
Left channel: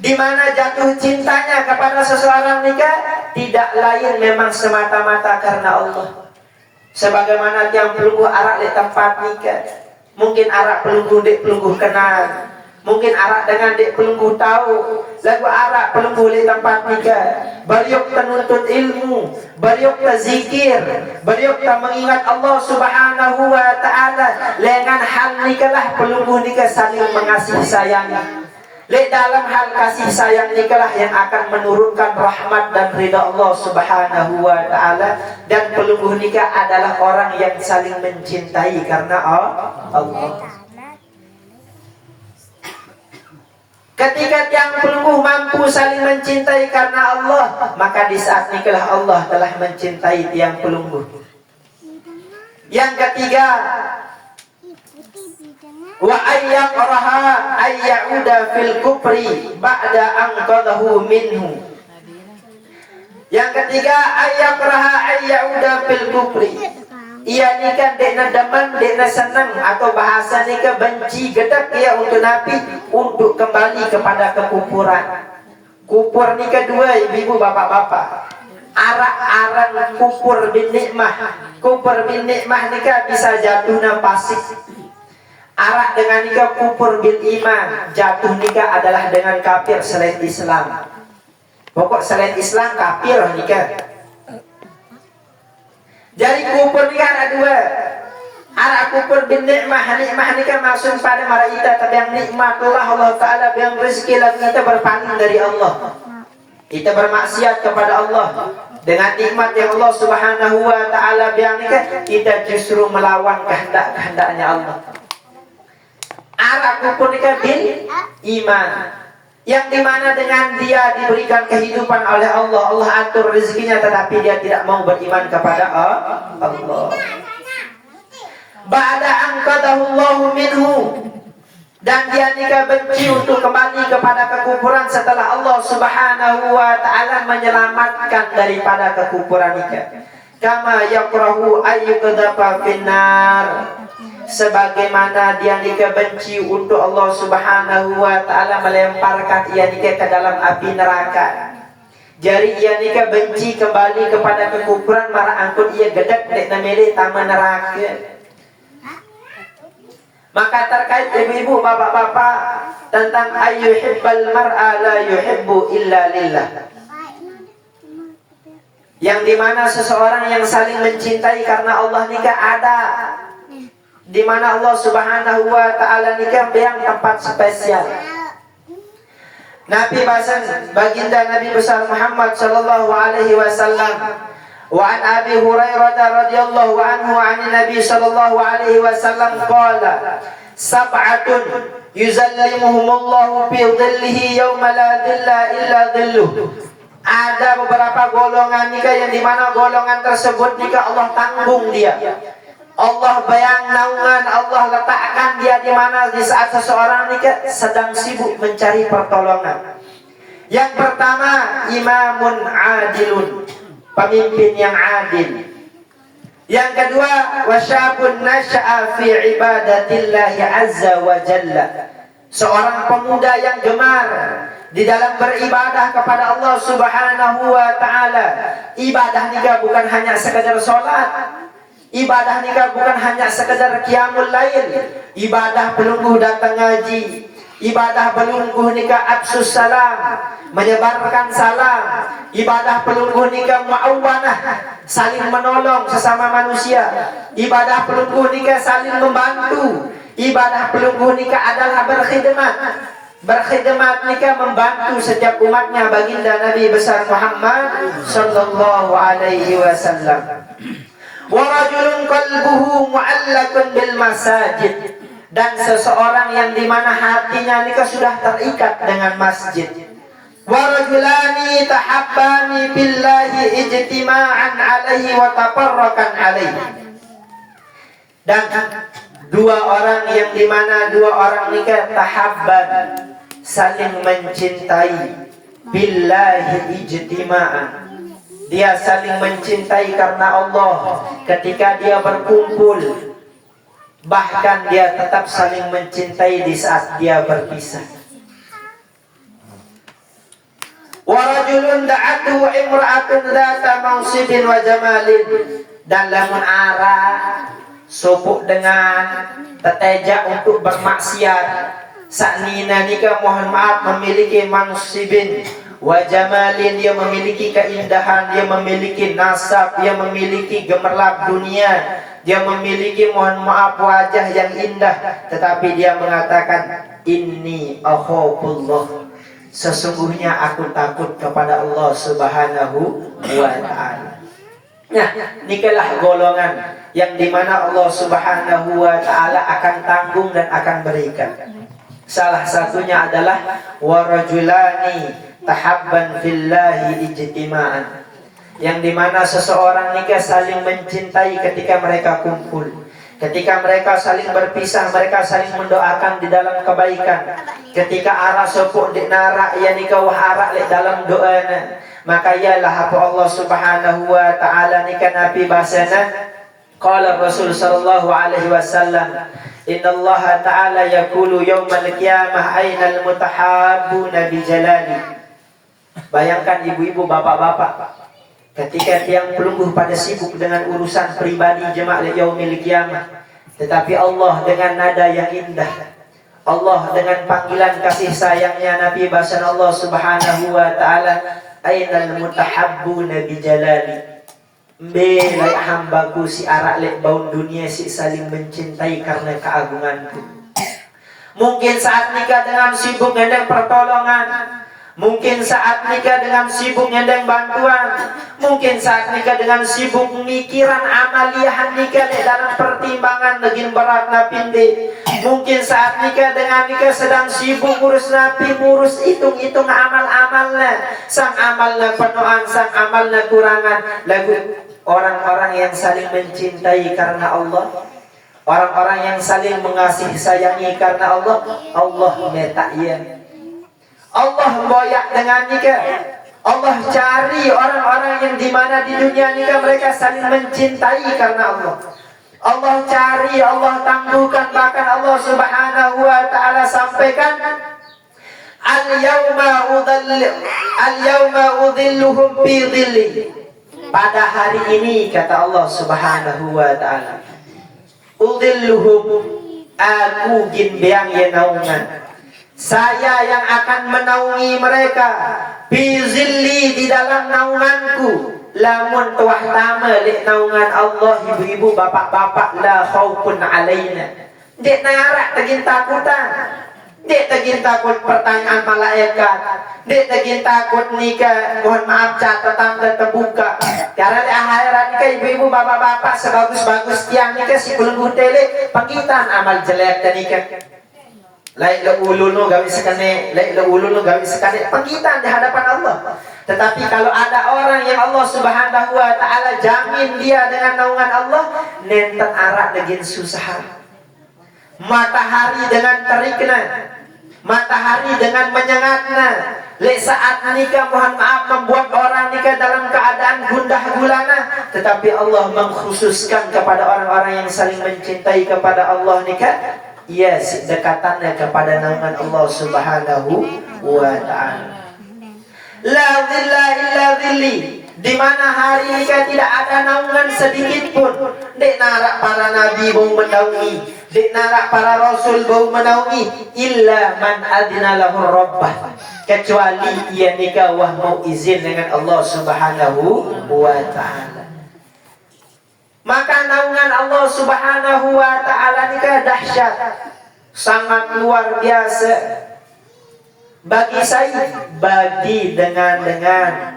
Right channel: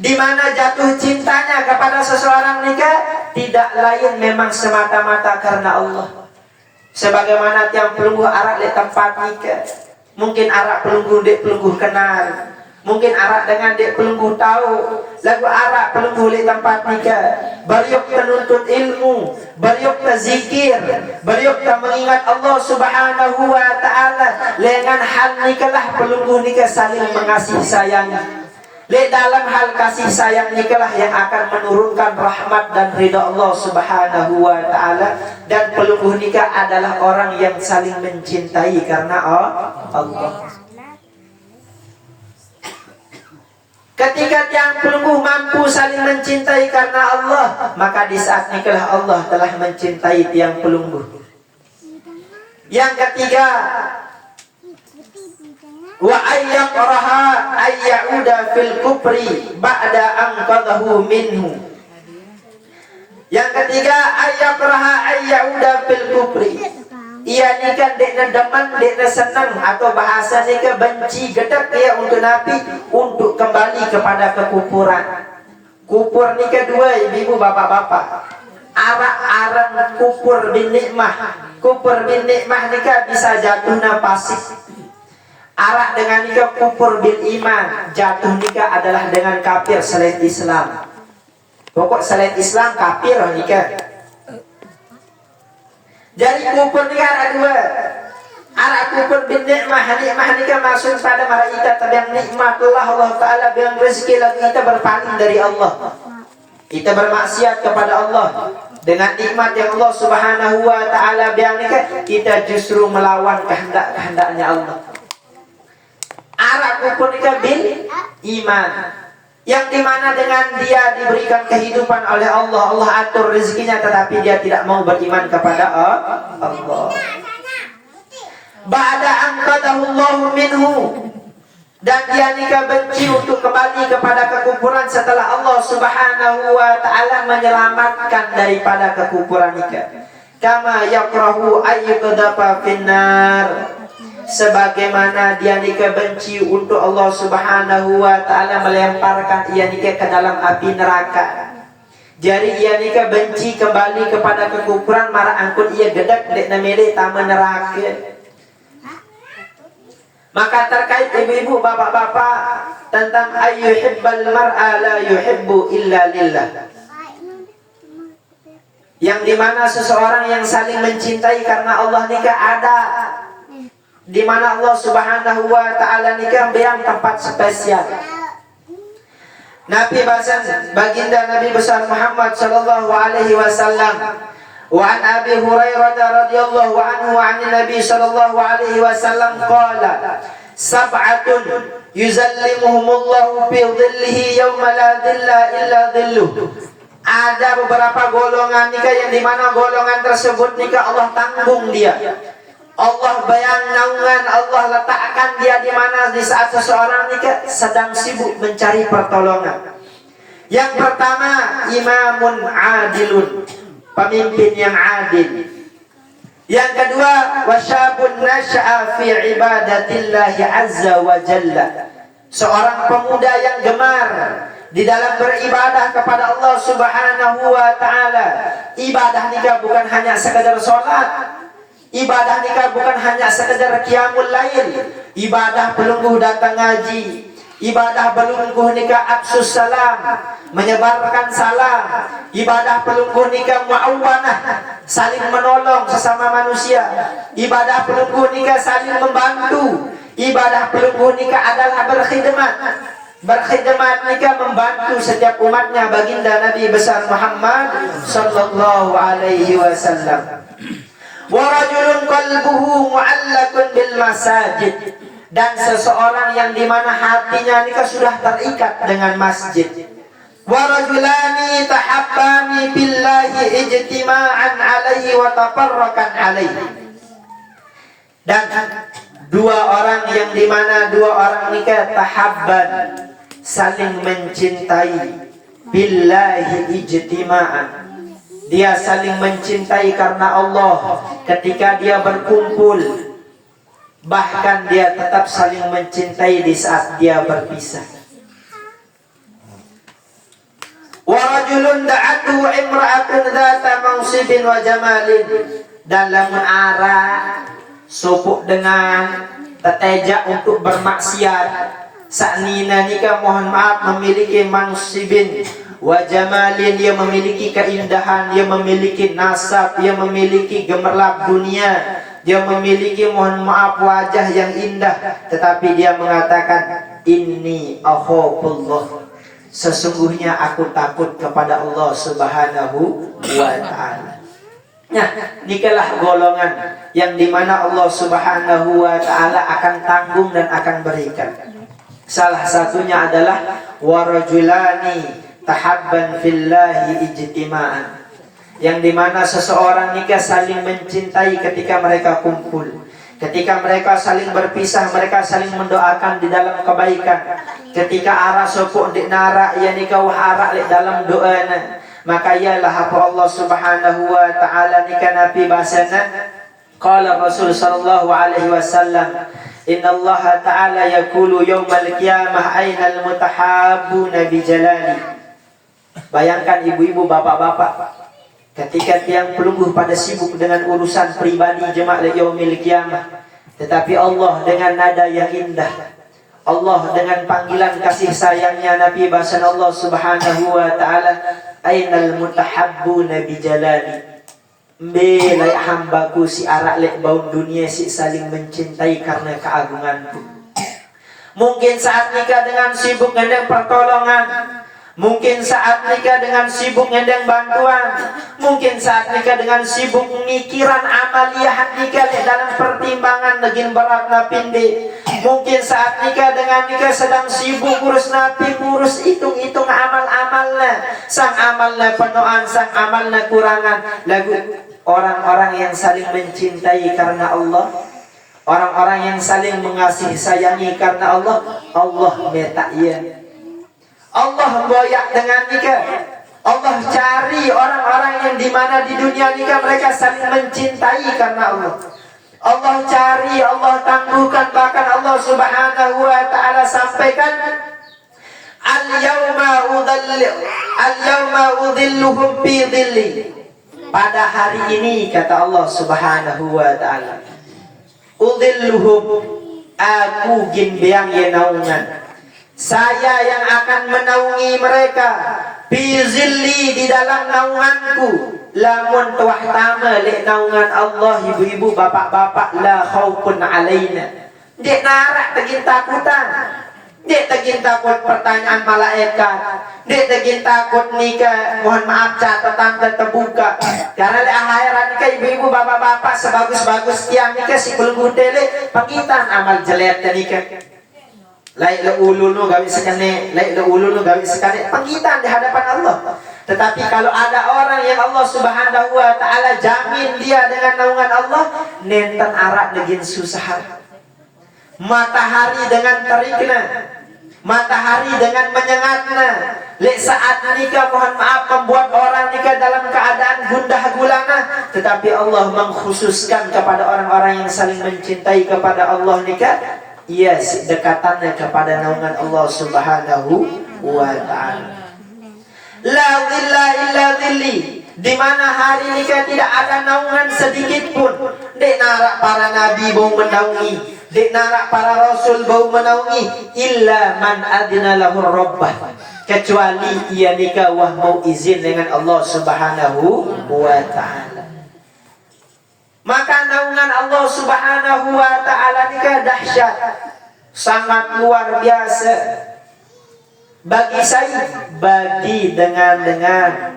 di mana jatuh cintanya kepada seseorang nikah tidak lain memang semata-mata karena Allah. Sebagaimana tiang pelungguh arak di tempat nikah, mungkin arak pelungguh dek pelungguh kenal, mungkin arak dengan dek pelungguh tahu, lagu arak pelungguh di tempat nikah, beliau penuntut ilmu, beliau zikir, beliau mengingat Allah Subhanahu wa ta'ala. Dengan hal nikahlah pelungguh nikah saling mengasihi sayangi. Di dalam hal kasih sayang nikahlah yang akan menurunkan rahmat dan ridha Allah Subhanahu wa ta'ala. Dan pelungguh nikah adalah orang yang saling mencintai karena Allah. Ketika tiang pelungguh mampu saling mencintai karena Allah, maka di saat nikahlah Allah telah mencintai tiang pelungguh. Yang ketiga, wa ayyaqraha ayyauda fil kufri ba'da anqadahu minhu. Yang ketiga, ayyaqraha ayyauda fil kufri. Ia nikah dekna deman, dekna senang, atau bahasa nikah benci gedak ia untuk nabi untuk kembali kepada kekufuran. Kufur nikah dua ibu bapak-bapak. Arak-arak kufur bin nikmah. Kufur bin nikmah nikah bisa jatuhnya pasif. Arak dengan nikah kufur bil iman, jatuh nikah adalah dengan kafir selain Islam. Pokok selain Islam kafir nikah. Jadi kufur nikah pun bin nikmah ni kan maksud pada mara kita tapi yang nikmat Allah Ta'ala yang rezeki lagu kita berpaling dari Allah. Kita bermaksiat kepada Allah. Dengan nikmat yang Allah Subhanahu wa Ta'ala biang ni kan kita justru melawan kehendak-kehendaknya Allah. Arab pun ni kan bil iman. Yang dimana dengan dia diberikan kehidupan oleh Allah, Allah atur rezekinya tetapi dia tidak mau beriman kepada Allah. Ba'da anqadahullahu minhu, dan dia nikah benci untuk kembali kepada kekufuran setelah Allah Subhanahu wa Ta'ala menyelamatkan daripada kekufuran nikah. Kama yakrahu ayyuqdhafa finnar, sebagaimana dia nikah benci untuk Allah Subhanahu wa Ta'ala melemparkan ia nikah ke dalam api neraka. Jadi ia nikah benci kembali kepada kekufuran marah angkut ia gedek dek namele tama neraka. Maka terkait ibu-ibu, bapak-bapak tentang ayyuhibbal mar'a la yuhibbu illa lillah, yang dimana seseorang yang saling mencintai karena Allah nikah ada, dimana Allah Subhanahu wa Ta'ala nikah yang tempat spesial. Nabi bahasan baginda Nabi besar Muhammad sallallahu alaihi wasallam, wa an Abi Hurairah radhiyallahu anhu an Nabi sallallahu alaihi wasallam qala sab'atun yuzallimuhumullahu fi dhillihi yawma la dhilla illa dhilluh. Ada beberapa golongan nikah yang dimana golongan tersebut nikah Allah tanggung dia, Allah bayang naungan, Allah letakkan dia di mana di saat seseorang nikah sedang sibuk mencari pertolongan. Yang pertama, imamun adilun, pemimpin yang adil. Yang kedua, wasyabun nasya'a fi ibadatillahi azza wa jalla, seorang pemuda yang gemar di dalam beribadah kepada Allah Subhanahu wa Ta'ala. Ibadah nikah bukan hanya sekedar sholat, ibadah nikah bukan hanya sekedar qiyamul lail, ibadah pelungguh datang ngaji, ibadah pelungguh nikah absus salam, menyebarkan salam, ibadah pelungguh nikah mu'awanah, saling menolong sesama manusia, ibadah pelungguh nikah saling membantu, ibadah pelungguh nikah adalah berkhidmat. Berkhidmat nikah membantu setiap umatnya baginda Nabi besar Muhammad sallallahu alaihi wasallam. Wa rajulun qalbuhu mu'allakun bil masajid, dan seseorang yang dimana hatinya nikah sudah terikat dengan masjid. Wa rajulani tahabbani billahi ijtima'an alaihi wa tafarraqan alaihi, dan dua orang yang dimana dua orang nikah tahabban, saling mencintai, billahi ijtima'an, dia saling mencintai karena Allah ketika dia berkumpul, bahkan dia tetap saling mencintai di saat dia berpisah. Wa rajulun da'atu imra'atun dzata mansibin wa jamalin, dalam arah sopuk dengan tetejak untuk bermaksiat. Saknina nikah mohon maaf memiliki mansibin wa jamalin, dia memiliki keindahan, dia memiliki nasab, dia memiliki gemerlap dunia, dia memiliki mohon maaf wajah yang indah, tetapi dia mengatakan inni akhafullah, sesungguhnya aku takut kepada Allah Subhanahu wa Ta'ala. Nah, nikahlah golongan yang dimana Allah Subhanahu wa Ta'ala akan tanggung dan akan berikan. Salah satunya adalah warajulani tahabban fillahi ijtima'an, yang dimana seseorang nikah saling mencintai ketika mereka kumpul. Ketika mereka saling berpisah, mereka saling mendoakan di dalam kebaikan. Ketika arah sopuk di nara, ia nikah waharak di dalam doana, maka ialah apa Allah Subhanahu wa Ta'ala nikah Nabi bahasana. Qala Rasul sallallahu alaihi wasallam, inna Allah Ta'ala yaqulu yawmal qiyamah ainal mutahabbuna bi jalali. Bayangkan ibu-ibu, bapak-bapak, ketika tiang pelungguh pada sibuk dengan urusan pribadi jemaah yaumil qiyamah, tetapi Allah dengan nada yang indah, Allah dengan panggilan kasih sayangnya Nabi bahasa Allah Subhanahu wa Ta'ala, ainal mutahabbuna bi jalali, Belai hambaku si arak lek baun dunia si saling mencintai karena keagunganku. Mungkin saat nikah dengan sibuk ngedeng pertolongan, mungkin saat nikah dengan sibuk ngedeng bantuan, mungkin saat nikah dengan sibuk mikiran amaliah nikah dalam pertimbangan negin berat napinde. Mungkin saat nikah dengan nikah sedang sibuk ngurus napi, ngurus hitung-hitung amal-amalnya, sang amalnya penuhan, sang amalnya kurangan. Lagu orang-orang yang saling mencintai karena Allah, orang-orang yang saling mengasihi sayangi karena Allah, Allah metaknya, Allah boyak dengan nikah. Allah cari orang-orang yang dimana di dunia nikah mereka saling mencintai karena Allah. Allah cari, Allah tangguhkan, bahkan Allah Subhanahu wa ta'ala sampaikan, Al-yawma udhilluhum fi dhilli. Pada hari ini kata Allah Subhanahu wa ta'ala, udhilluhum, aku gimbiang ya naungan, saya yang akan menaungi mereka, fi zilli, di dalam naunganku. Lamun tuah tama lek naungan Allah, ibu-ibu, bapak-bapak, la khaufun alaina. Dek narak tegin takutan. Dek tegin takut pertanyaan malaikat. Dek tegin takut nikah, mohon maaf catatan terbuka. Karena lek akhirat nikah ibu-ibu, bapak-bapak, sebagus-bagus tiang nikah si belum tele pagitan amal jelek dan nikah. Laik le ulu no gawi sekane, laik le ulu no gawi sekane, panggitan di hadapan Allah. Tetapi kalau ada orang yang Allah Subhanahu wa ta'ala jamin dia dengan naungan Allah, nenten arak negin susah. Matahari dengan terikna, matahari dengan menyengatna. Lek saat nikah mohon maaf membuat orang nikah dalam keadaan gundah gulana, tetapi Allah mengkhususkan kepada orang-orang yang saling mencintai kepada Allah nikah, ia dekatannya kepada naungan Allah Subhanahu wa ta'ala. La dhilla illa dhilli, di mana hari nikah tidak ada naungan sedikit pun. Dek narak para nabi bau menaungi, dek narak para rasul bau menaungi, illa man adina lahu rabbah, kecuali ia nikah wah mau izin dengan Allah Subhanahu wa ta'ala. Maka naungan Allah Subhanahu wa ta'ala nikah dahsyat, sangat luar biasa. Bagi saya, bagi dengan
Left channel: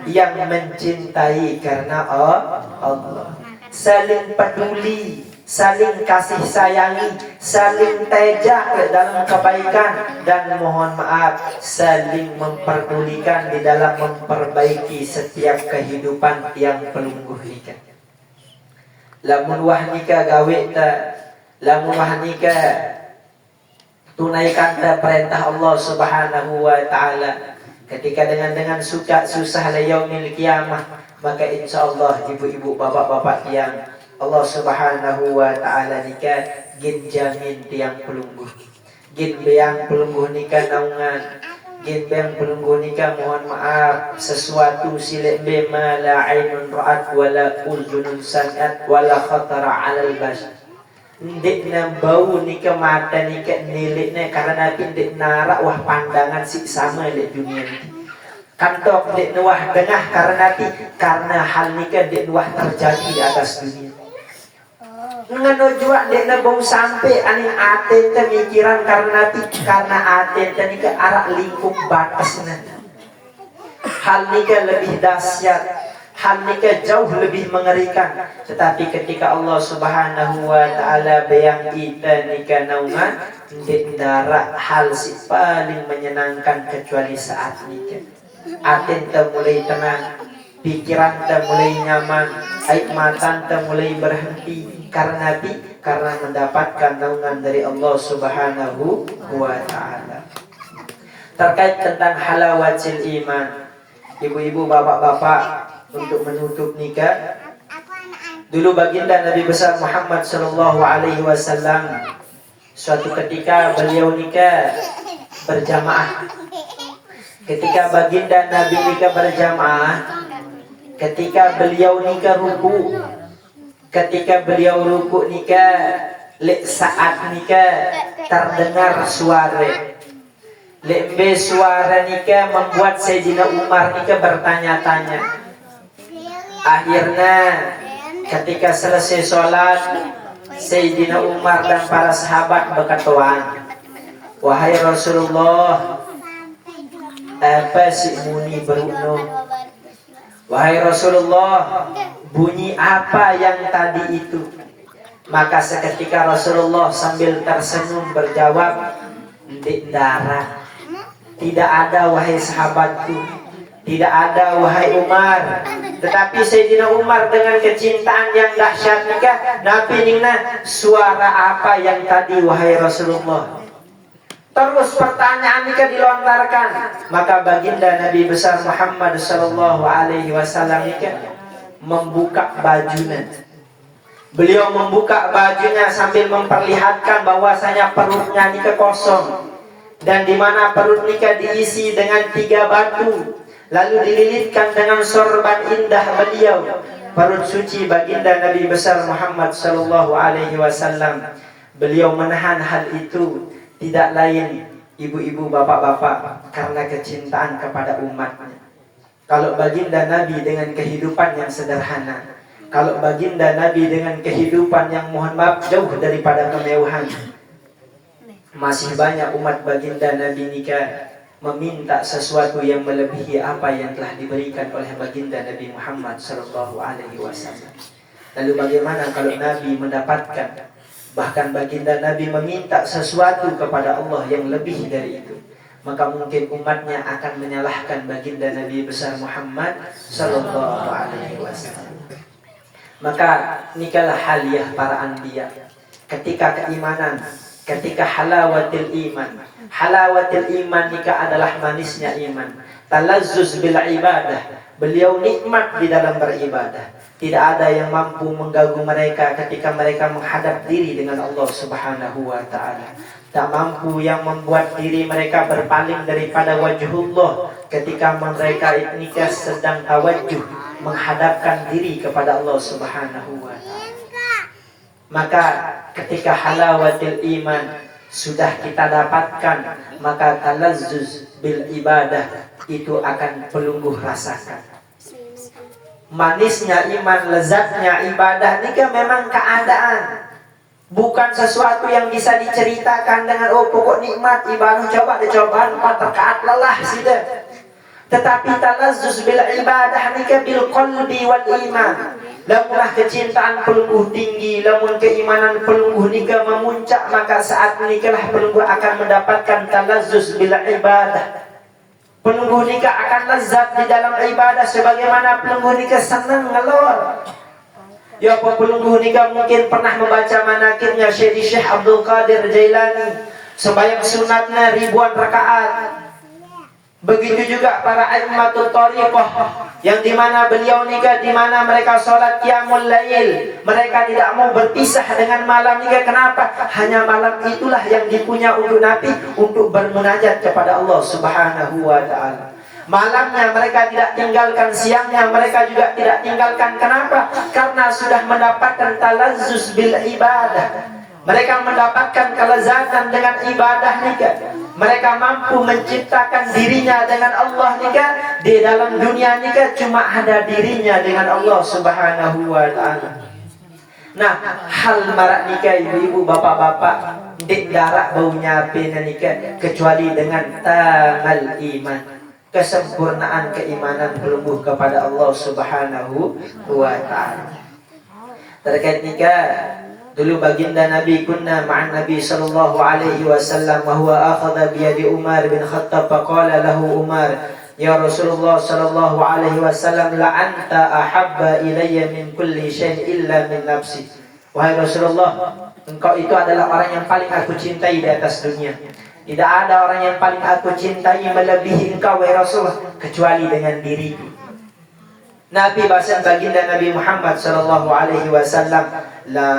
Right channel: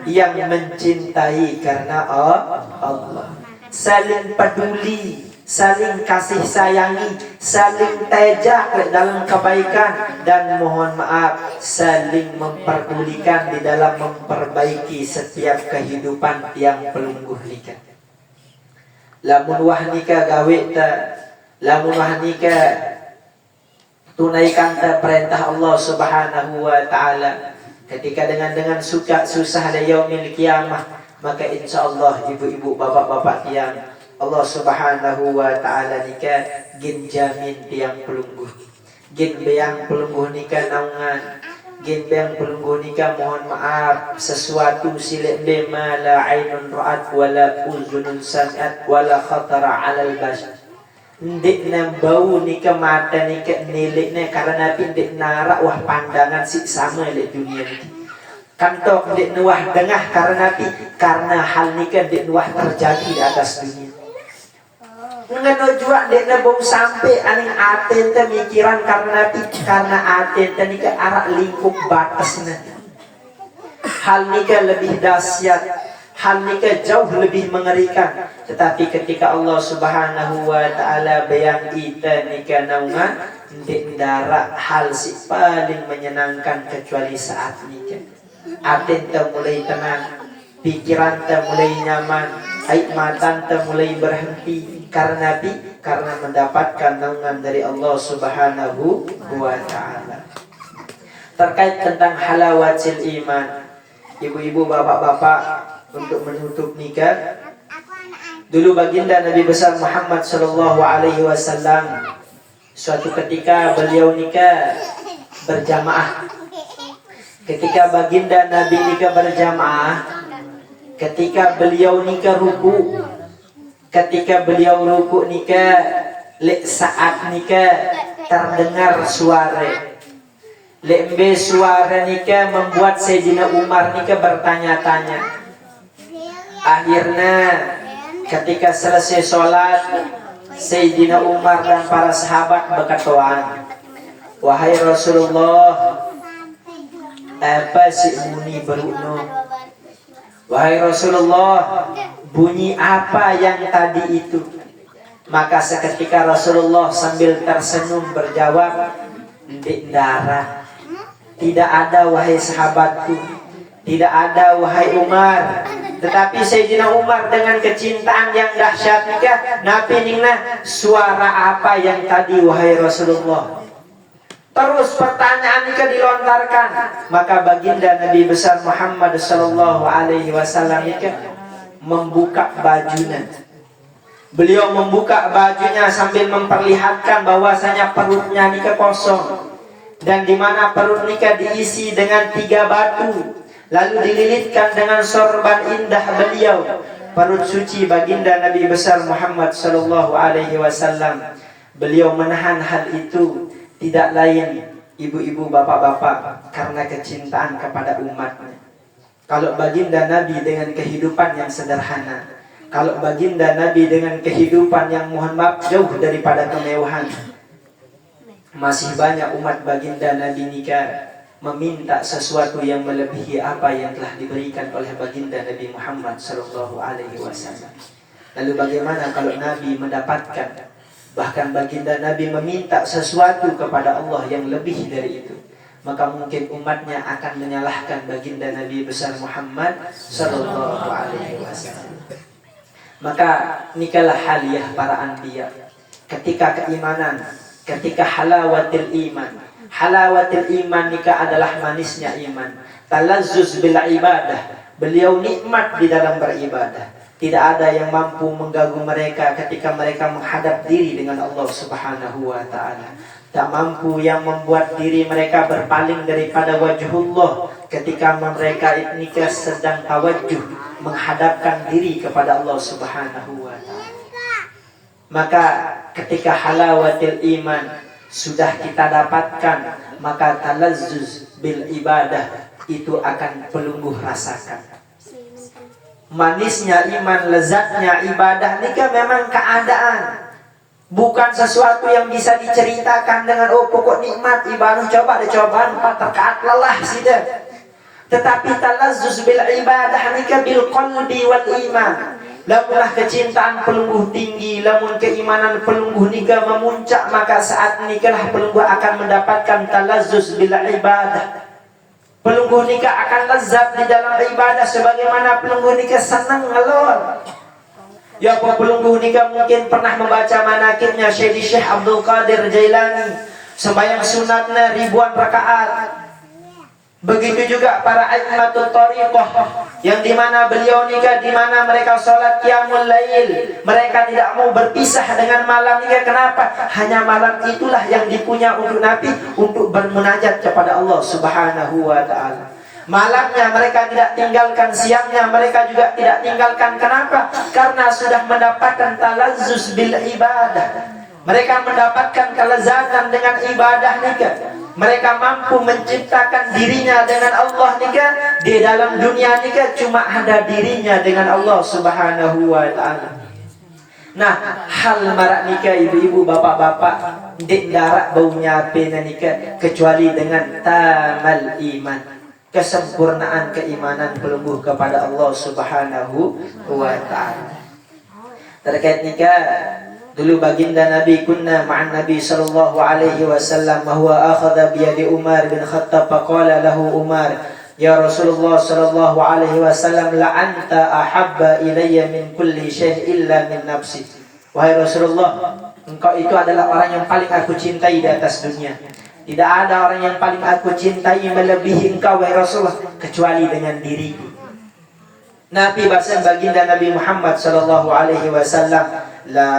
yang mencintai karena Allah, saling peduli, saling kasih sayangi, saling tejak dalam kebaikan, dan mohon maaf saling memperdulikan di dalam memperbaiki setiap kehidupan yang pelungguh nikah. Lamun wah nikah gawe ta, lamun wah nikah tunaikan perintah Allah Subhanahu wa ta'ala. Ketika dengan suka susah la yaumil qiyamah, maka insyaallah ibu-ibu, bapak-bapak tiang Allah Subhanahu wa ta'ala nikah gin jamin tiang pelungguh, gin beang pelungguh nikah naungan, gin beang pelungguh nikah mohon maaf sesuatu silek bema la ainun ra'at wala uzunun sami'at wala khatara 'alal bashar. Ndek na bau nikah mata nikah niliknya karena ndek narak wah pandangan si sama le dunia ini. Kantok ndek wah dengah karena hal nikah ndek wah terjadi di atas dunia. Ngeno jua ndek na bau sampai aning aten te mikiran karena aten te nikah arak lingkup batasnya. Hal nikah lebih dahsyat, hal nikah jauh lebih mengerikan. Tetapi ketika Allah Subhanahu wa ta'ala bayang kita nikah naungan, ndek darak hal si paling menyenangkan kecuali saat nikah. Aten te mulai tenang, pikiran te mulai nyaman, air mata te mulai berhenti karena mendapatkan naungan dari Allah Subhanahu wa ta'ala. Terkait tentang halawatil iman, ibu-ibu, bapak-bapak, untuk menutup nikah, dulu baginda Nabi besar Muhammad sallallahu alaihi wasallam suatu ketika beliau nikah berjamaah. Ketika baginda Nabi nikah berjamaah, ketika beliau nikah ruku, ketika beliau ruku nikah, saat nikah terdengar suara. Lembe suara nikah membuat Sayyidina Umar nikah bertanya-tanya. Akhirnya ketika selesai sholat, Sayyidina Umar dan para sahabat berkata, wahai Rasulullah, apa si muni berukno? Wahai Rasulullah, bunyi apa yang tadi itu? Maka seketika Rasulullah sambil tersenyum berjawab, "Ndik darat. Tidak ada wahai sahabatku, tidak ada wahai Umar." Tetapi Sayyidina Umar dengan kecintaan yang dahsyat Nabi nina, suara apa yang tadi wahai Rasulullah? Terus pertanyaan ini dilontarkan. Maka baginda Nabi besar Muhammad sallallahu alaihi wasallam membuka bajunya. Beliau membuka bajunya sambil memperlihatkan bahwasanya perutnya nikah kosong, dan di mana perut nikah diisi dengan 3 batu, lalu dililitkan dengan sorban indah beliau, perut suci baginda Nabi besar Muhammad sallallahu alaihi wasallam. Beliau menahan hal itu tidak lain, ibu-ibu, bapak-bapak, karena kecintaan kepada umatnya. Kalau baginda Nabi dengan kehidupan yang sederhana, kalau baginda Nabi dengan kehidupan yang mohon maaf jauh daripada kemewahan, masih banyak umat baginda Nabi nikah meminta sesuatu yang melebihi apa yang telah diberikan oleh baginda Nabi Muhammad sallallahu alaihi wasallam. Lalu bagaimana kalau Nabi mendapatkan, bahkan baginda Nabi meminta sesuatu kepada Allah yang lebih dari itu? Maka mungkin umatnya akan menyalahkan baginda Nabi besar Muhammad sallallahu alaihi wasallam. Maka nikalah haliyah para anbiya. Ketika keimanan, ketika halawatil iman. Halawatil iman nikah adalah manisnya iman. Talazzuz bil ibadah. Beliau nikmat di dalam beribadah. Tidak ada yang mampu mengganggu mereka ketika mereka menghadap diri dengan Allah Subhanahu wa taala. Tak mampu yang membuat diri mereka berpaling daripada wajhullah ketika mereka nikah sedang tawajjuh menghadapkan diri kepada Allah Subhanahu wa taala. Maka ketika halawatil iman sudah kita dapatkan, maka talazzuz bil ibadah itu akan pelungguh rasakan. Manisnya iman, lezatnya ibadah nikah memang keadaan, bukan sesuatu yang bisa diceritakan dengan pokok nikmat ibadah coba dicobaan 4 rakaat lelah sudah. Tetapi talazzuz bil ibadah nikah bil qalbi wal iman. Lamunlah kecintaan pelungguh tinggi, lamun keimanan pelungguh nikah memuncak, maka saat nikahlah pelungguh akan mendapatkan talazzuz bil ibadah. Pelungguh nikah akan lezat di dalam ibadah sebagaimana pelungguh nikah senang ngelor. Ya, pelungguh nikah mungkin pernah membaca manakibnya Syekh Abdul Qadir Jailani, sembahyang sunatnya ribuan rakaat. Begitu juga para a'immatul thariqah yang dimana beliau nikah, dimana mereka sholat qiyamul lail, mereka tidak mau berpisah dengan malam nikah. Kenapa? Hanya malam itulah yang dipunya untuk Nabi untuk bermunajat kepada Allah Subhanahu wa ta'ala. Malamnya mereka tidak tinggalkan, siangnya mereka juga tidak tinggalkan. Kenapa? Karena sudah mendapatkan talazzuz bil ibadah. Mereka mendapatkan kelezatan dengan ibadah nikah. Mereka mampu menciptakan dirinya dengan Allah nikah. Di dalam dunia nikah cuma ada dirinya dengan Allah Subhanahu wa ta'ala. Nah, hal marak nikah ibu-ibu, bapak-bapak, dik darak baunya pena nikah kecuali dengan tamal iman, kesempurnaan keimanan pelungguh kepada Allah Subhanahu wa ta'ala. Terkait nikah, dulu baginda Nabi kunna ma'an Nabi sallallahu alaihi wasallam wa huwa akhadha bi yadi Umar bin Khattab faqala lahu Umar, ya Rasulullah sallallahu alaihi wasallam, la anta ahabba ilayya min kulli syai' illa min nafsi. Wahai Rasulullah, engkau itu adalah orang yang paling aku cintai di atas dunia. Tidak ada orang yang paling aku cintai melebihi engkau wahai Rasulullah kecuali dengan diriku. Nabi bahasa baginda Nabi Muhammad sallallahu alaihi wasallam, la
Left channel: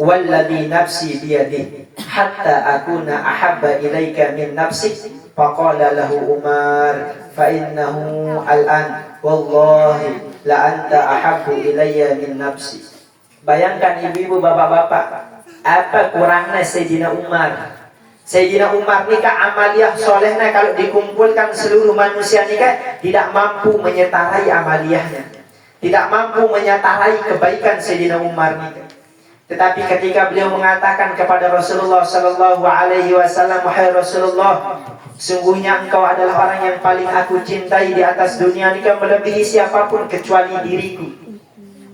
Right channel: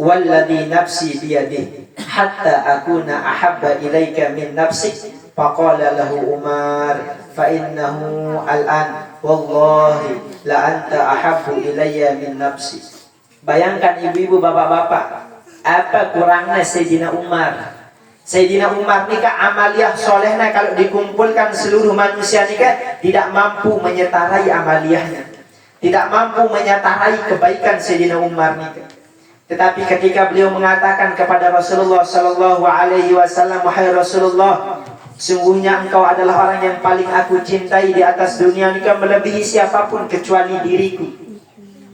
walladhi nafsi biyadihi hatta akuna ahabba ilaika min nafsik. Faqala lahu Umar fa innahu al'an wallahi la anta ahabbu ilayya min nafsi. Bayangkan ibu-ibu, bapak-bapak, apa kurangnya Sayyidina Umar. Sayyidina Umar nikah amaliyah solehnya kalau dikumpulkan seluruh manusia nikah tidak mampu menyetarai amaliyahnya. tidak mampu menyatarai kebaikan Sayyidina Umar ini. Tetapi ketika beliau mengatakan kepada Rasulullah sallallahu alaihi wasallam, "Wahai Rasulullah, sungguhnya engkau adalah orang yang paling aku cintai di atas dunia ini, melebihi siapapun kecuali diriku."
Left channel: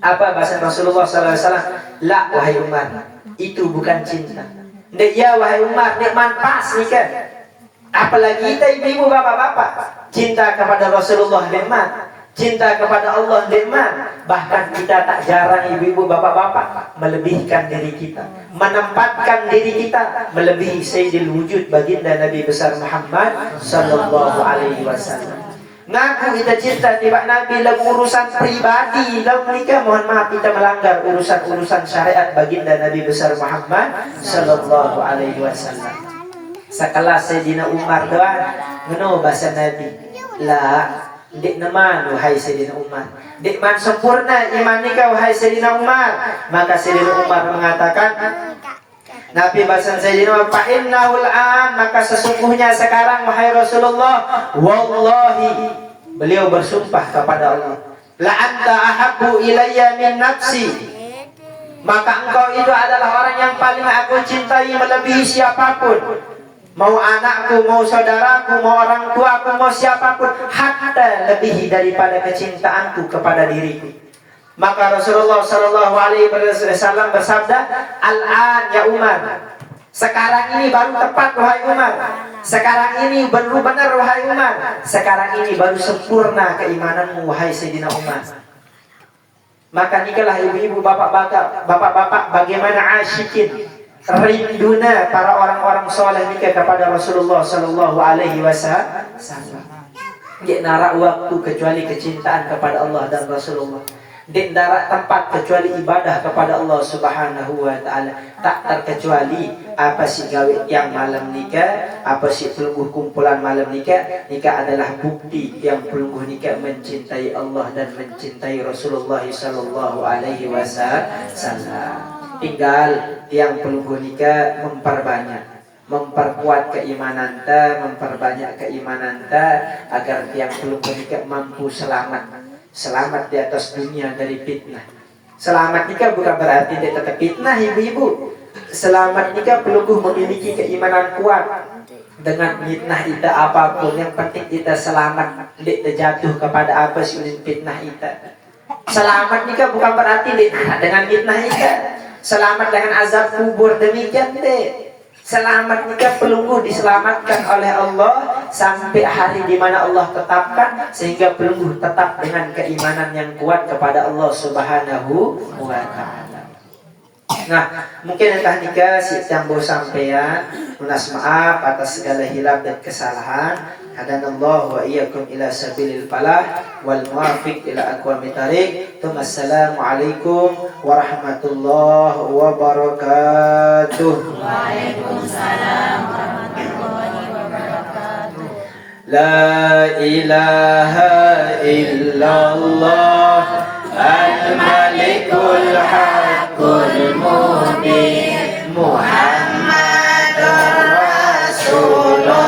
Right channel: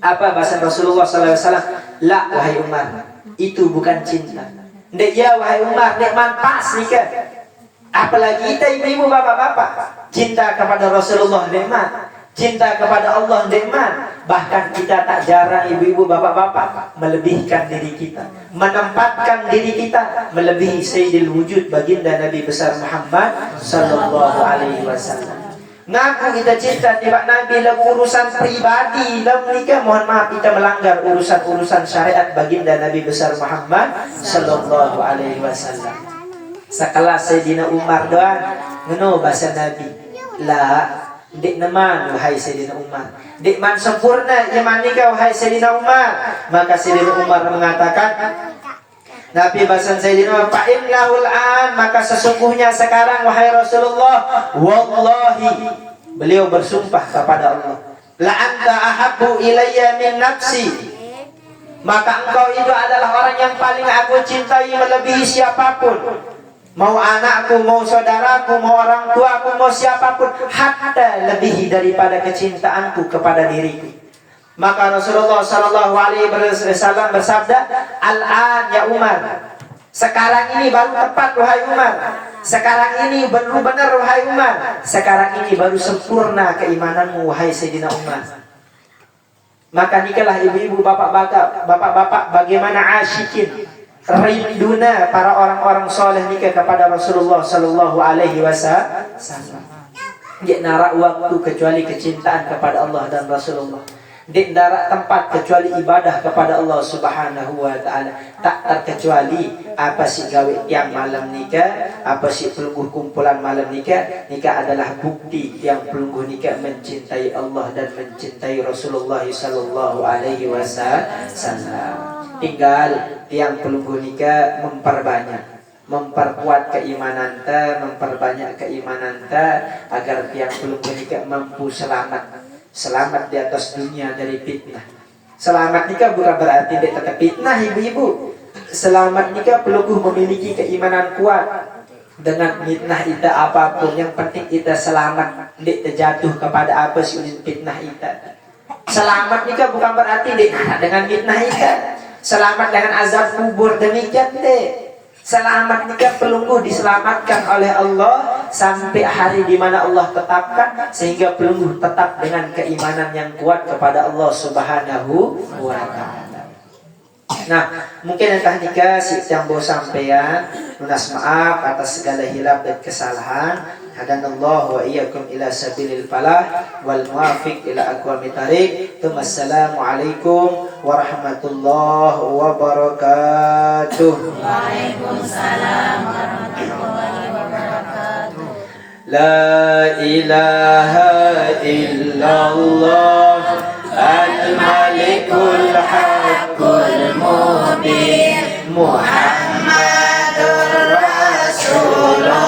Apa bahasa Rasulullah sallallahu alaihi wasallam? "La, wahai Umar, itu bukan cinta." "Ndak ya wahai Umar, nek manpas nikah." Apalagi kita ibu-ibu bapak-bapak, cinta kepada Rasulullah nikmat, cinta kepada Allah nikmat. Bahkan kita tak jarang ibu-ibu bapak-bapak melebihkan diri kita, menempatkan diri kita melebihi Sayyidil Wujud baginda Nabi besar Muhammad sallallahu alaihi wasallam. Ngaku kita cinta tiba Nabi dalam urusan pribadi, dalam nikah mohon maaf kita melanggar urusan-urusan syariat baginda Nabi besar Muhammad sallallahu alaihi wasallam. Sekelas Sayyidina Umar doang ngeno bahasa Nabi. La, dek naman wahai Sayyidina Umar, dek man sempurna iman nikah wahai Sayyidina Umar. Maka Sayyidina Umar mengatakan, Nabi bahasa Sayyidina Umar, fa innahul an, maka sesungguhnya sekarang wahai Rasulullah, wallahi, beliau bersumpah kepada Allah, la anta ahabbu ilayya min nafsi, maka engkau itu adalah orang yang paling aku cintai melebihi siapapun. Mau anakku, mau saudaraku, mau orang tuaku, mau siapapun, hatta lebih daripada kecintaanku kepada diriku. Maka Rasulullah sallallahu alaihi wasallam bersabda, "Al-an ya Umar." Sekarang ini baru tepat wahai Umar. Sekarang ini baru benar wahai Umar. Sekarang ini baru sempurna keimananmu wahai Sayyidina Umar. Maka nikalah ibu-ibu bapak-bapak bagaimana asyikin rinduna para orang-orang soleh nikah kepada Rasulullah sallallahu alaihi wasallam. Dia narak waktu kecuali kecintaan kepada Allah dan Rasulullah. Dia narak tempat kecuali ibadah kepada Allah Subhanahu wa taala. Tak terkecuali apa sih gawe yang malam nikah, apa sih pelungguh kumpulan malam nikah. Nikah adalah bukti yang pelungguh nikah mencintai Allah dan mencintai Rasulullah sallallahu alaihi wasallam. Tinggal tiang pelungguh nikah memperkuat keimanan ta, memperbanyak keimanan ta, agar tiang pelungguh nikah mampu selamat di atas dunia dari fitnah. Selamat nikah bukan berarti dia tetap fitnah ibu-ibu. Selamat nikah pelungguh memiliki keimanan kuat dengan fitnah kita apapun, yang penting kita selamat, dia terjatuh kepada apa sih fitnah kita. Selamat nikah bukan berarti dia dengan fitnah kita. Selamat dengan azab kubur, demikian deh. Selamat nikah pelungguh diselamatkan oleh Allah sampai hari di mana Allah tetapkan, sehingga pelungguh tetap dengan keimanan yang kuat kepada Allah Subhanahu wa taala. Nah, mungkin entah nikah si jambo sampean, lunas maaf atas segala hilaf dan kesalahan. Hadanallahu wa iyyakum ila sabilil falah wal muwafiq ila aqwamit thariq. Assalamualaikum warahmatullahi wabarakatuh. Waalaikumsalam warahmatullahi wabarakatuh. La ilaha illallah al-malikul haqqul mubin Muhammadur Rasulullah.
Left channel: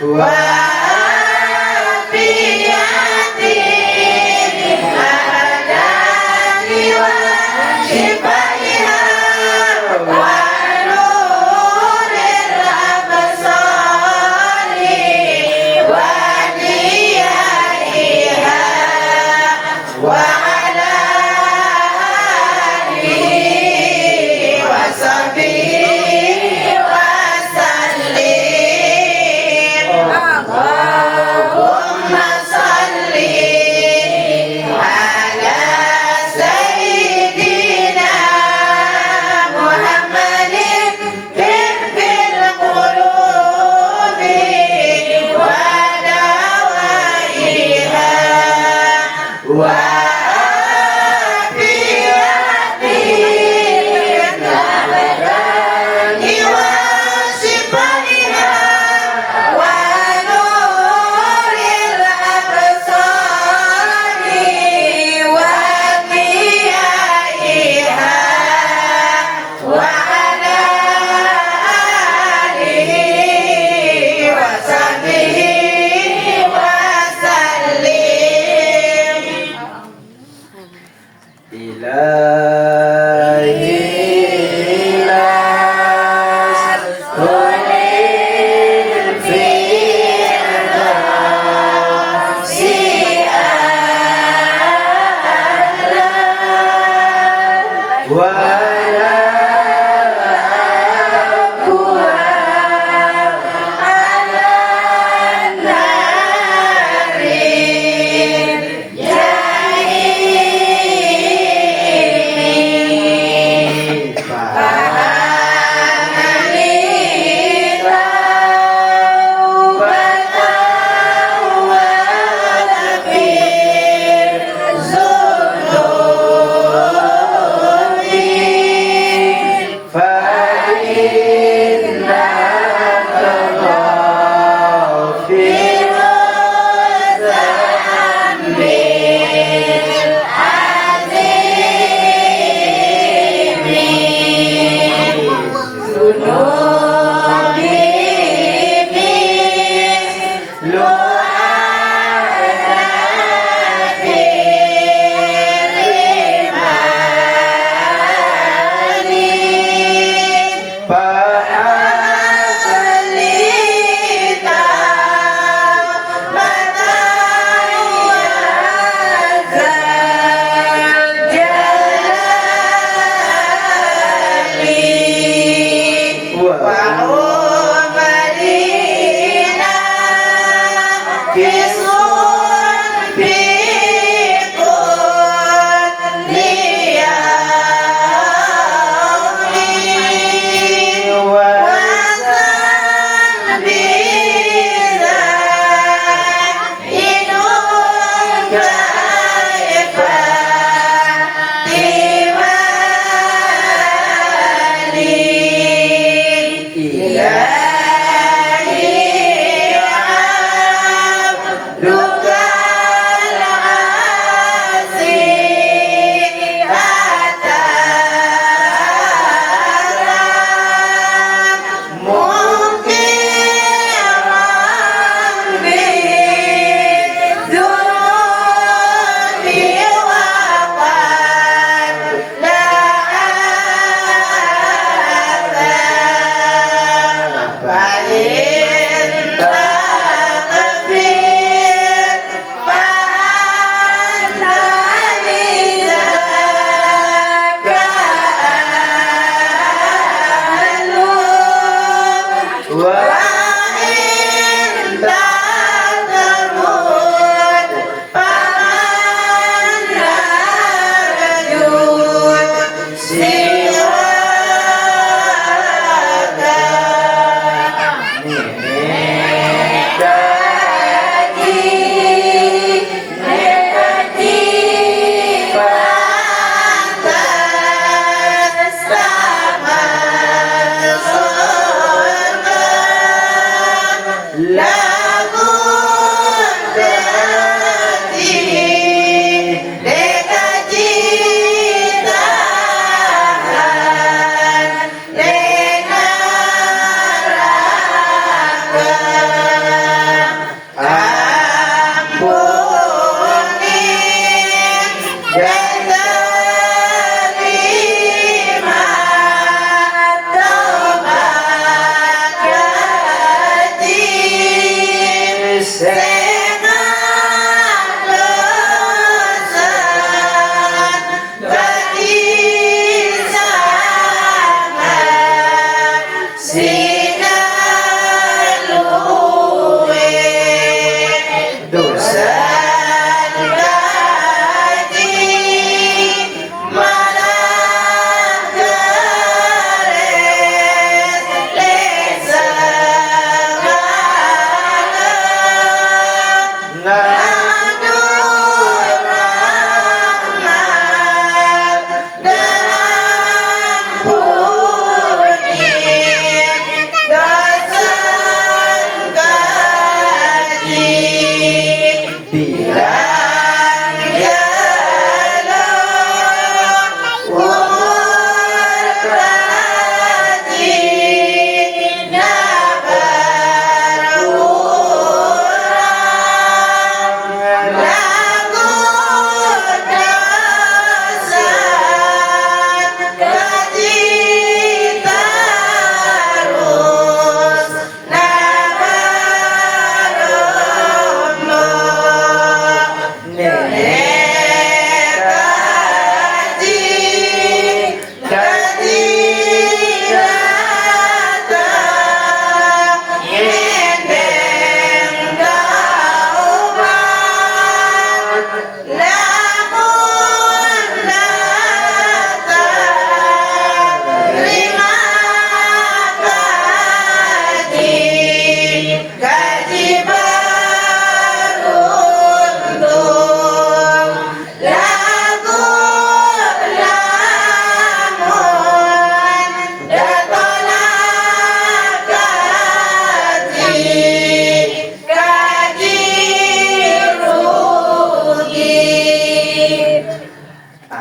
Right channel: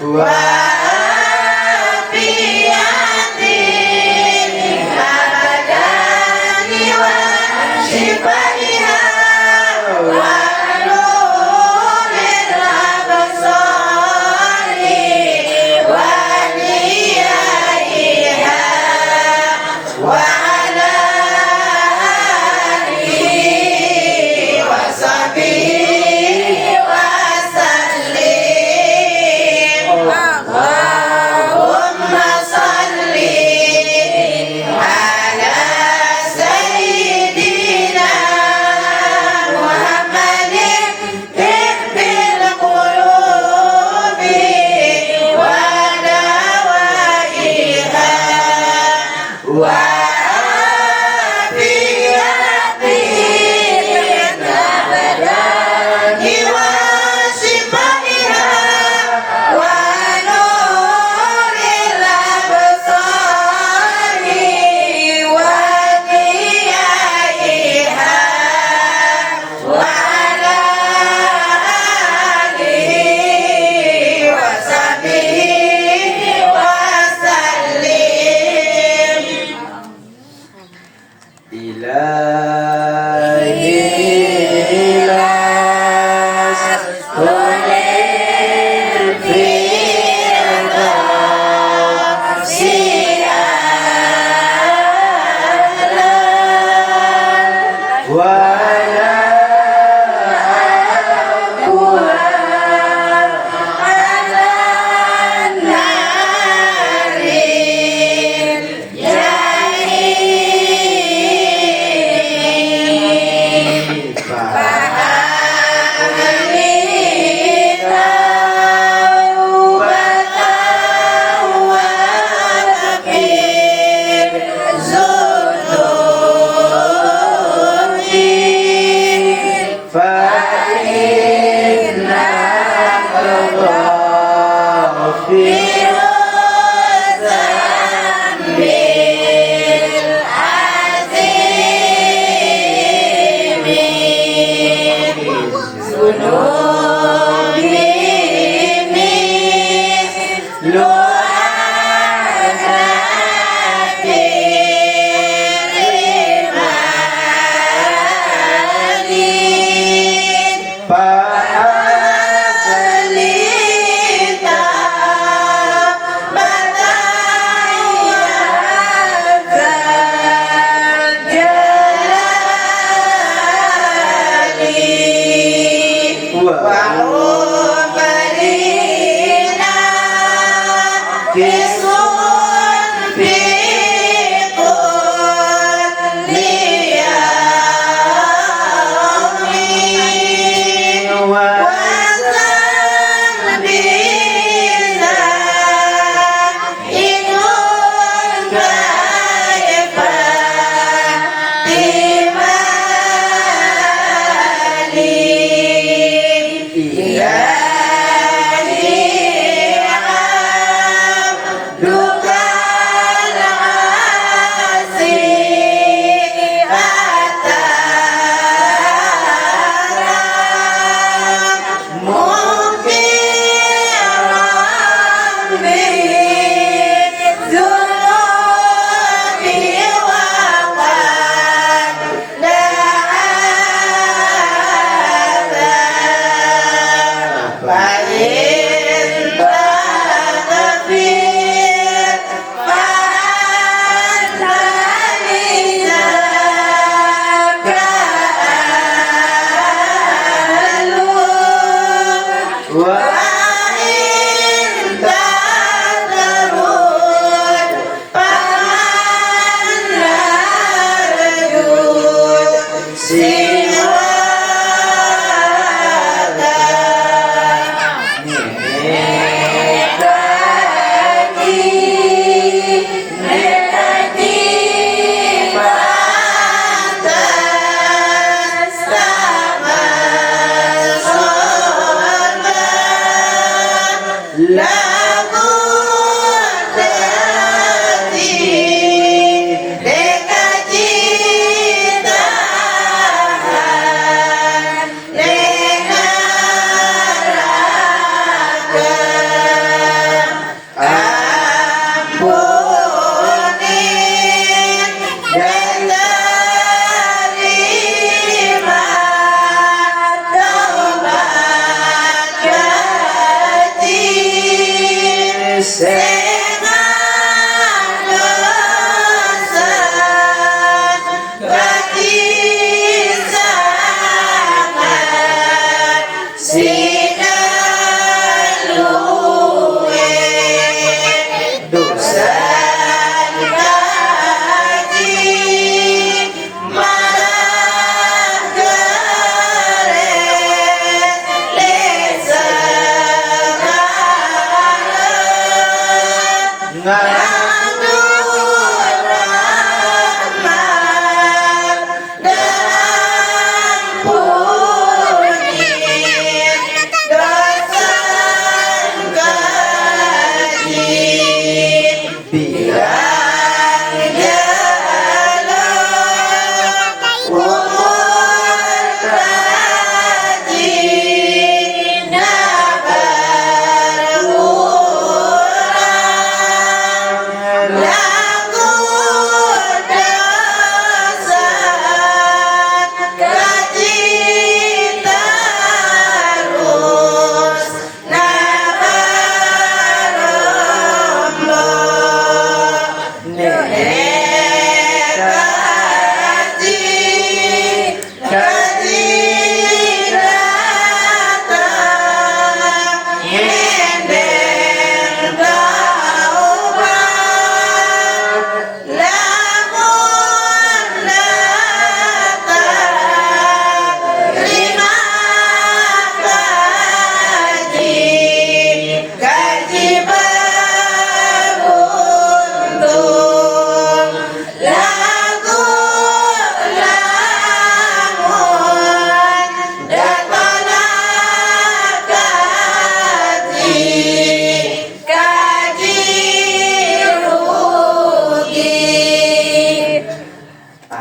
wa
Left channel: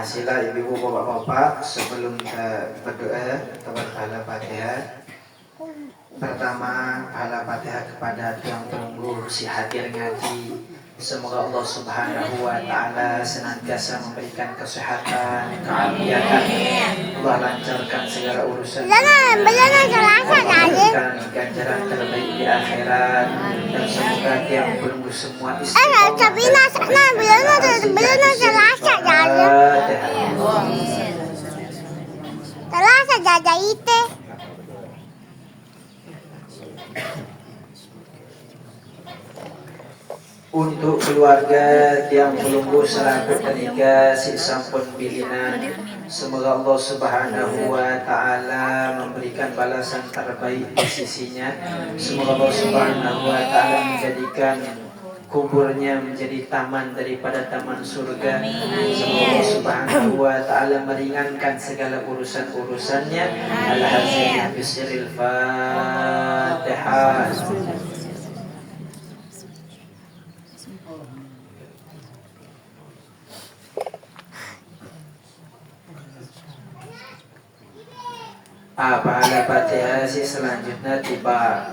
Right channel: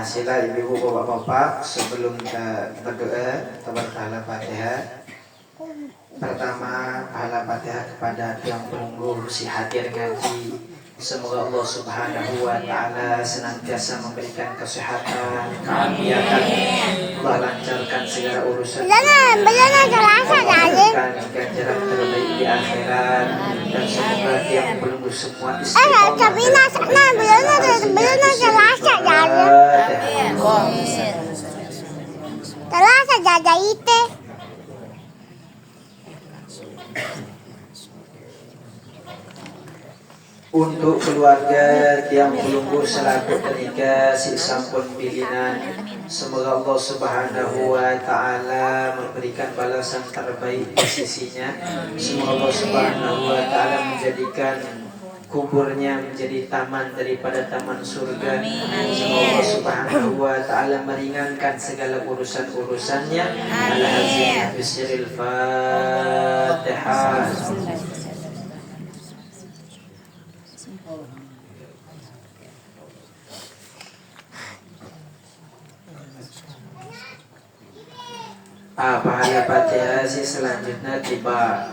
Sila ibu bapak-bapak sebelum kita berdoa tabarkallah Fatihah. Pertama pahala Fatihah kepada yang penunggu si hadir ngaji. Semoga Allah Subhanahu wa taala senantiasa memberikan kesehatan, keafiatan, Allah lancarkan segala urusan, memberikan ganjaran terbaik di akhirat, dan semoga yang penunggu semua istiqomah. Untuk keluarga yang pelunggu selaku tenaga si sampun pilihan, semoga Allah Subhanahu wa taala memberikan balasan terbaik di sisinya. Semoga Allah Subhanahu wa taala menjadikan kuburnya menjadi taman daripada taman surga. Semoga Allah Subhanahu wa taala meringankan segala urusan-urusannya. Al-Hazim bisiril Fatihah. Pahala Fatihah selanjutnya tiba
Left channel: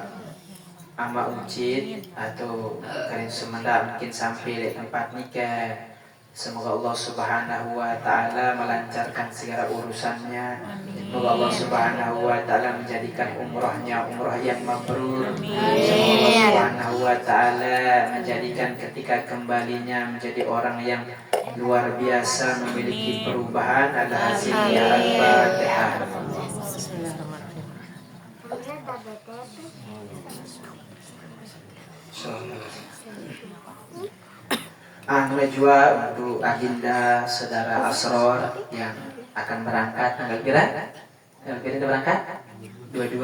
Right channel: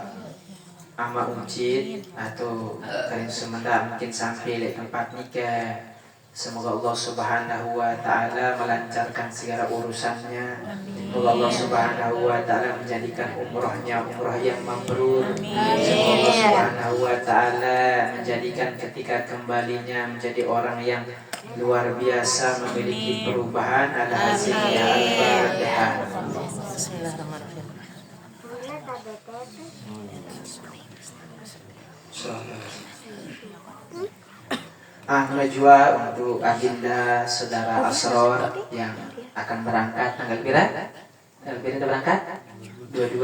ama uncit atau kalian semenda mungkin sampai di tempat nikah. Semoga Allah Subhanahu wa taala melancarkan segala urusannya. Semoga Allah Subhanahu wa taala menjadikan umrahnya umrah yang mabrur. Semoga Allah Subhanahu wa taala menjadikan ketika kembalinya menjadi orang yang luar biasa, memiliki perubahan. Al-Hasilnya Al-Fatihah. Najwa untuk agenda saudara Asror yang akan berangkat tanggal berapa berangkat? 22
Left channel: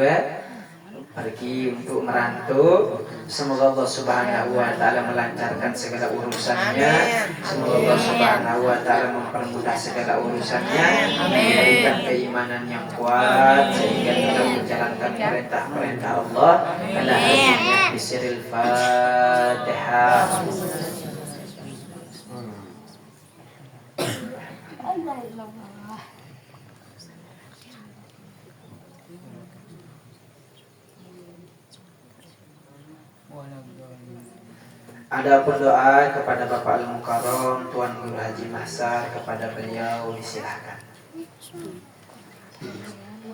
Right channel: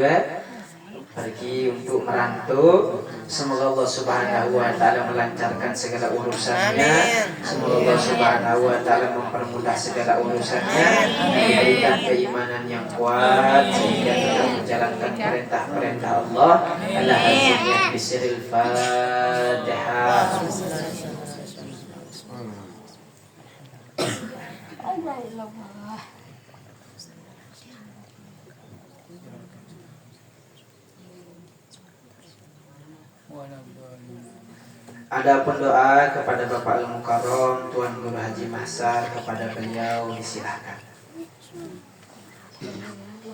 pergi untuk merantau. Semoga Allah Subhanahu wa taala melancarkan segala urusannya. Semoga Allah Subhanahu wa taala mempermudah segala urusannya, diberikan keimanan yang kuat sehingga tetap menjalankan perintah-perintah Allah. Al-Hazimnya bisiril Fatihah. Adapun doa kepada Bapak Al-Mukarram Tuan Guru Haji Mahsar, kepada beliau disilahkan.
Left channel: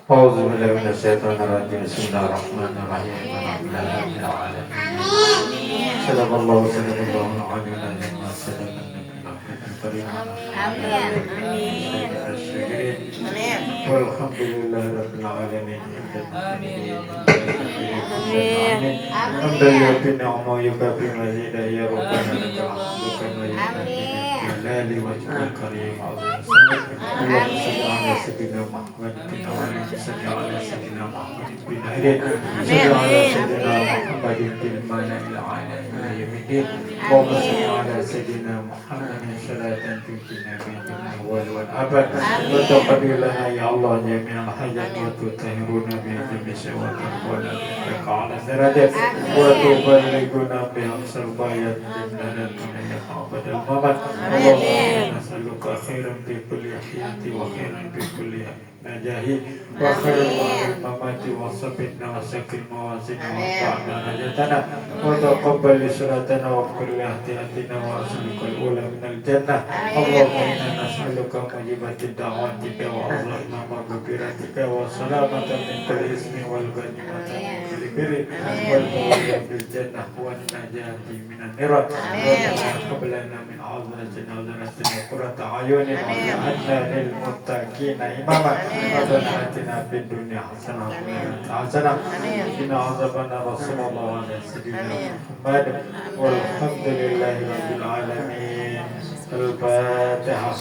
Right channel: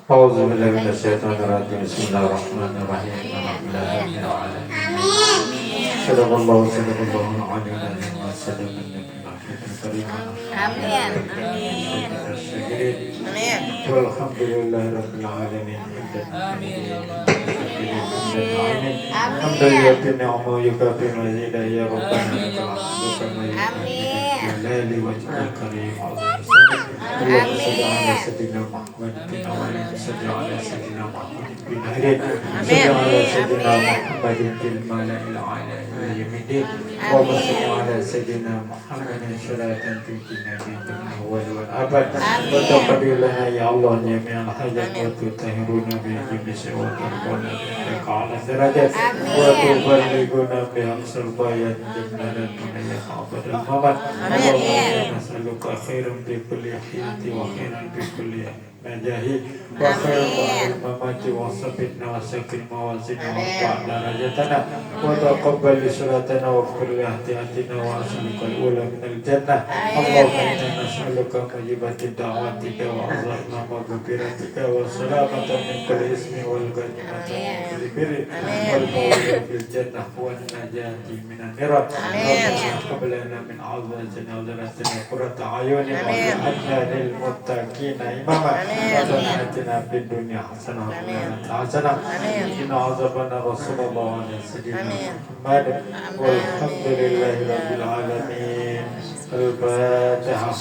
Auzubillahi minasyaitonir rajim. Bismillahirrahmanirrahim. Alhamdulillahirabbil alamin. Sadaqallahu sadaqallahu alaihi wa sallam. Amin. Amin. Walhamdulillah rabbil alamin. Hamdan yu'ti ni'amahu yukafi mazida ya rabbana jalali wajhil karim. Allahumma salli ala sayyidina Muhammad bin awali salli ala sayyidina Muhammad bin akhir salli ala sayyidina Muhammad bil mala'il a'la ila yawmiddin. Allahumma salli ala sayyidina Muhammadin salatan tuqina bil awwal wal abad wa taqabbal lana ya Allah jami'al hajat wa tutahhiruna bi jami'i wa tarfa'una bika ala darajat wa tuballighuna bi aqsal bayat jannatan min abadil mamad. Allahumma nas'aluka khairan fi kulli hayati wa khairan fi kulli najahi wa khairan mamati wa sabitna wa sakil mawazina wa fa'na najatana wa taqabbal salatana wa kulli ihtiyatina wa aslikal ula minal jannah. Allahumma inna nas'aluka mujibatid da'watika wa azama maghfiratika wa salamatan min kulli ismi wal ghanimata min kulli birri wal fawza bil jannah wa najati minan nirat. Allahumma qablana min azatina wa zaratina qurrata ayunin wa ja'alna lil muttaqina imama. Rabbana atina fid dunya hasanah wa fil akhirati hasanah wa qina azabannar. Sallallahu ala sayyidina Muhammad walhamdulillahi rabbil alamin. Al-Fatihah.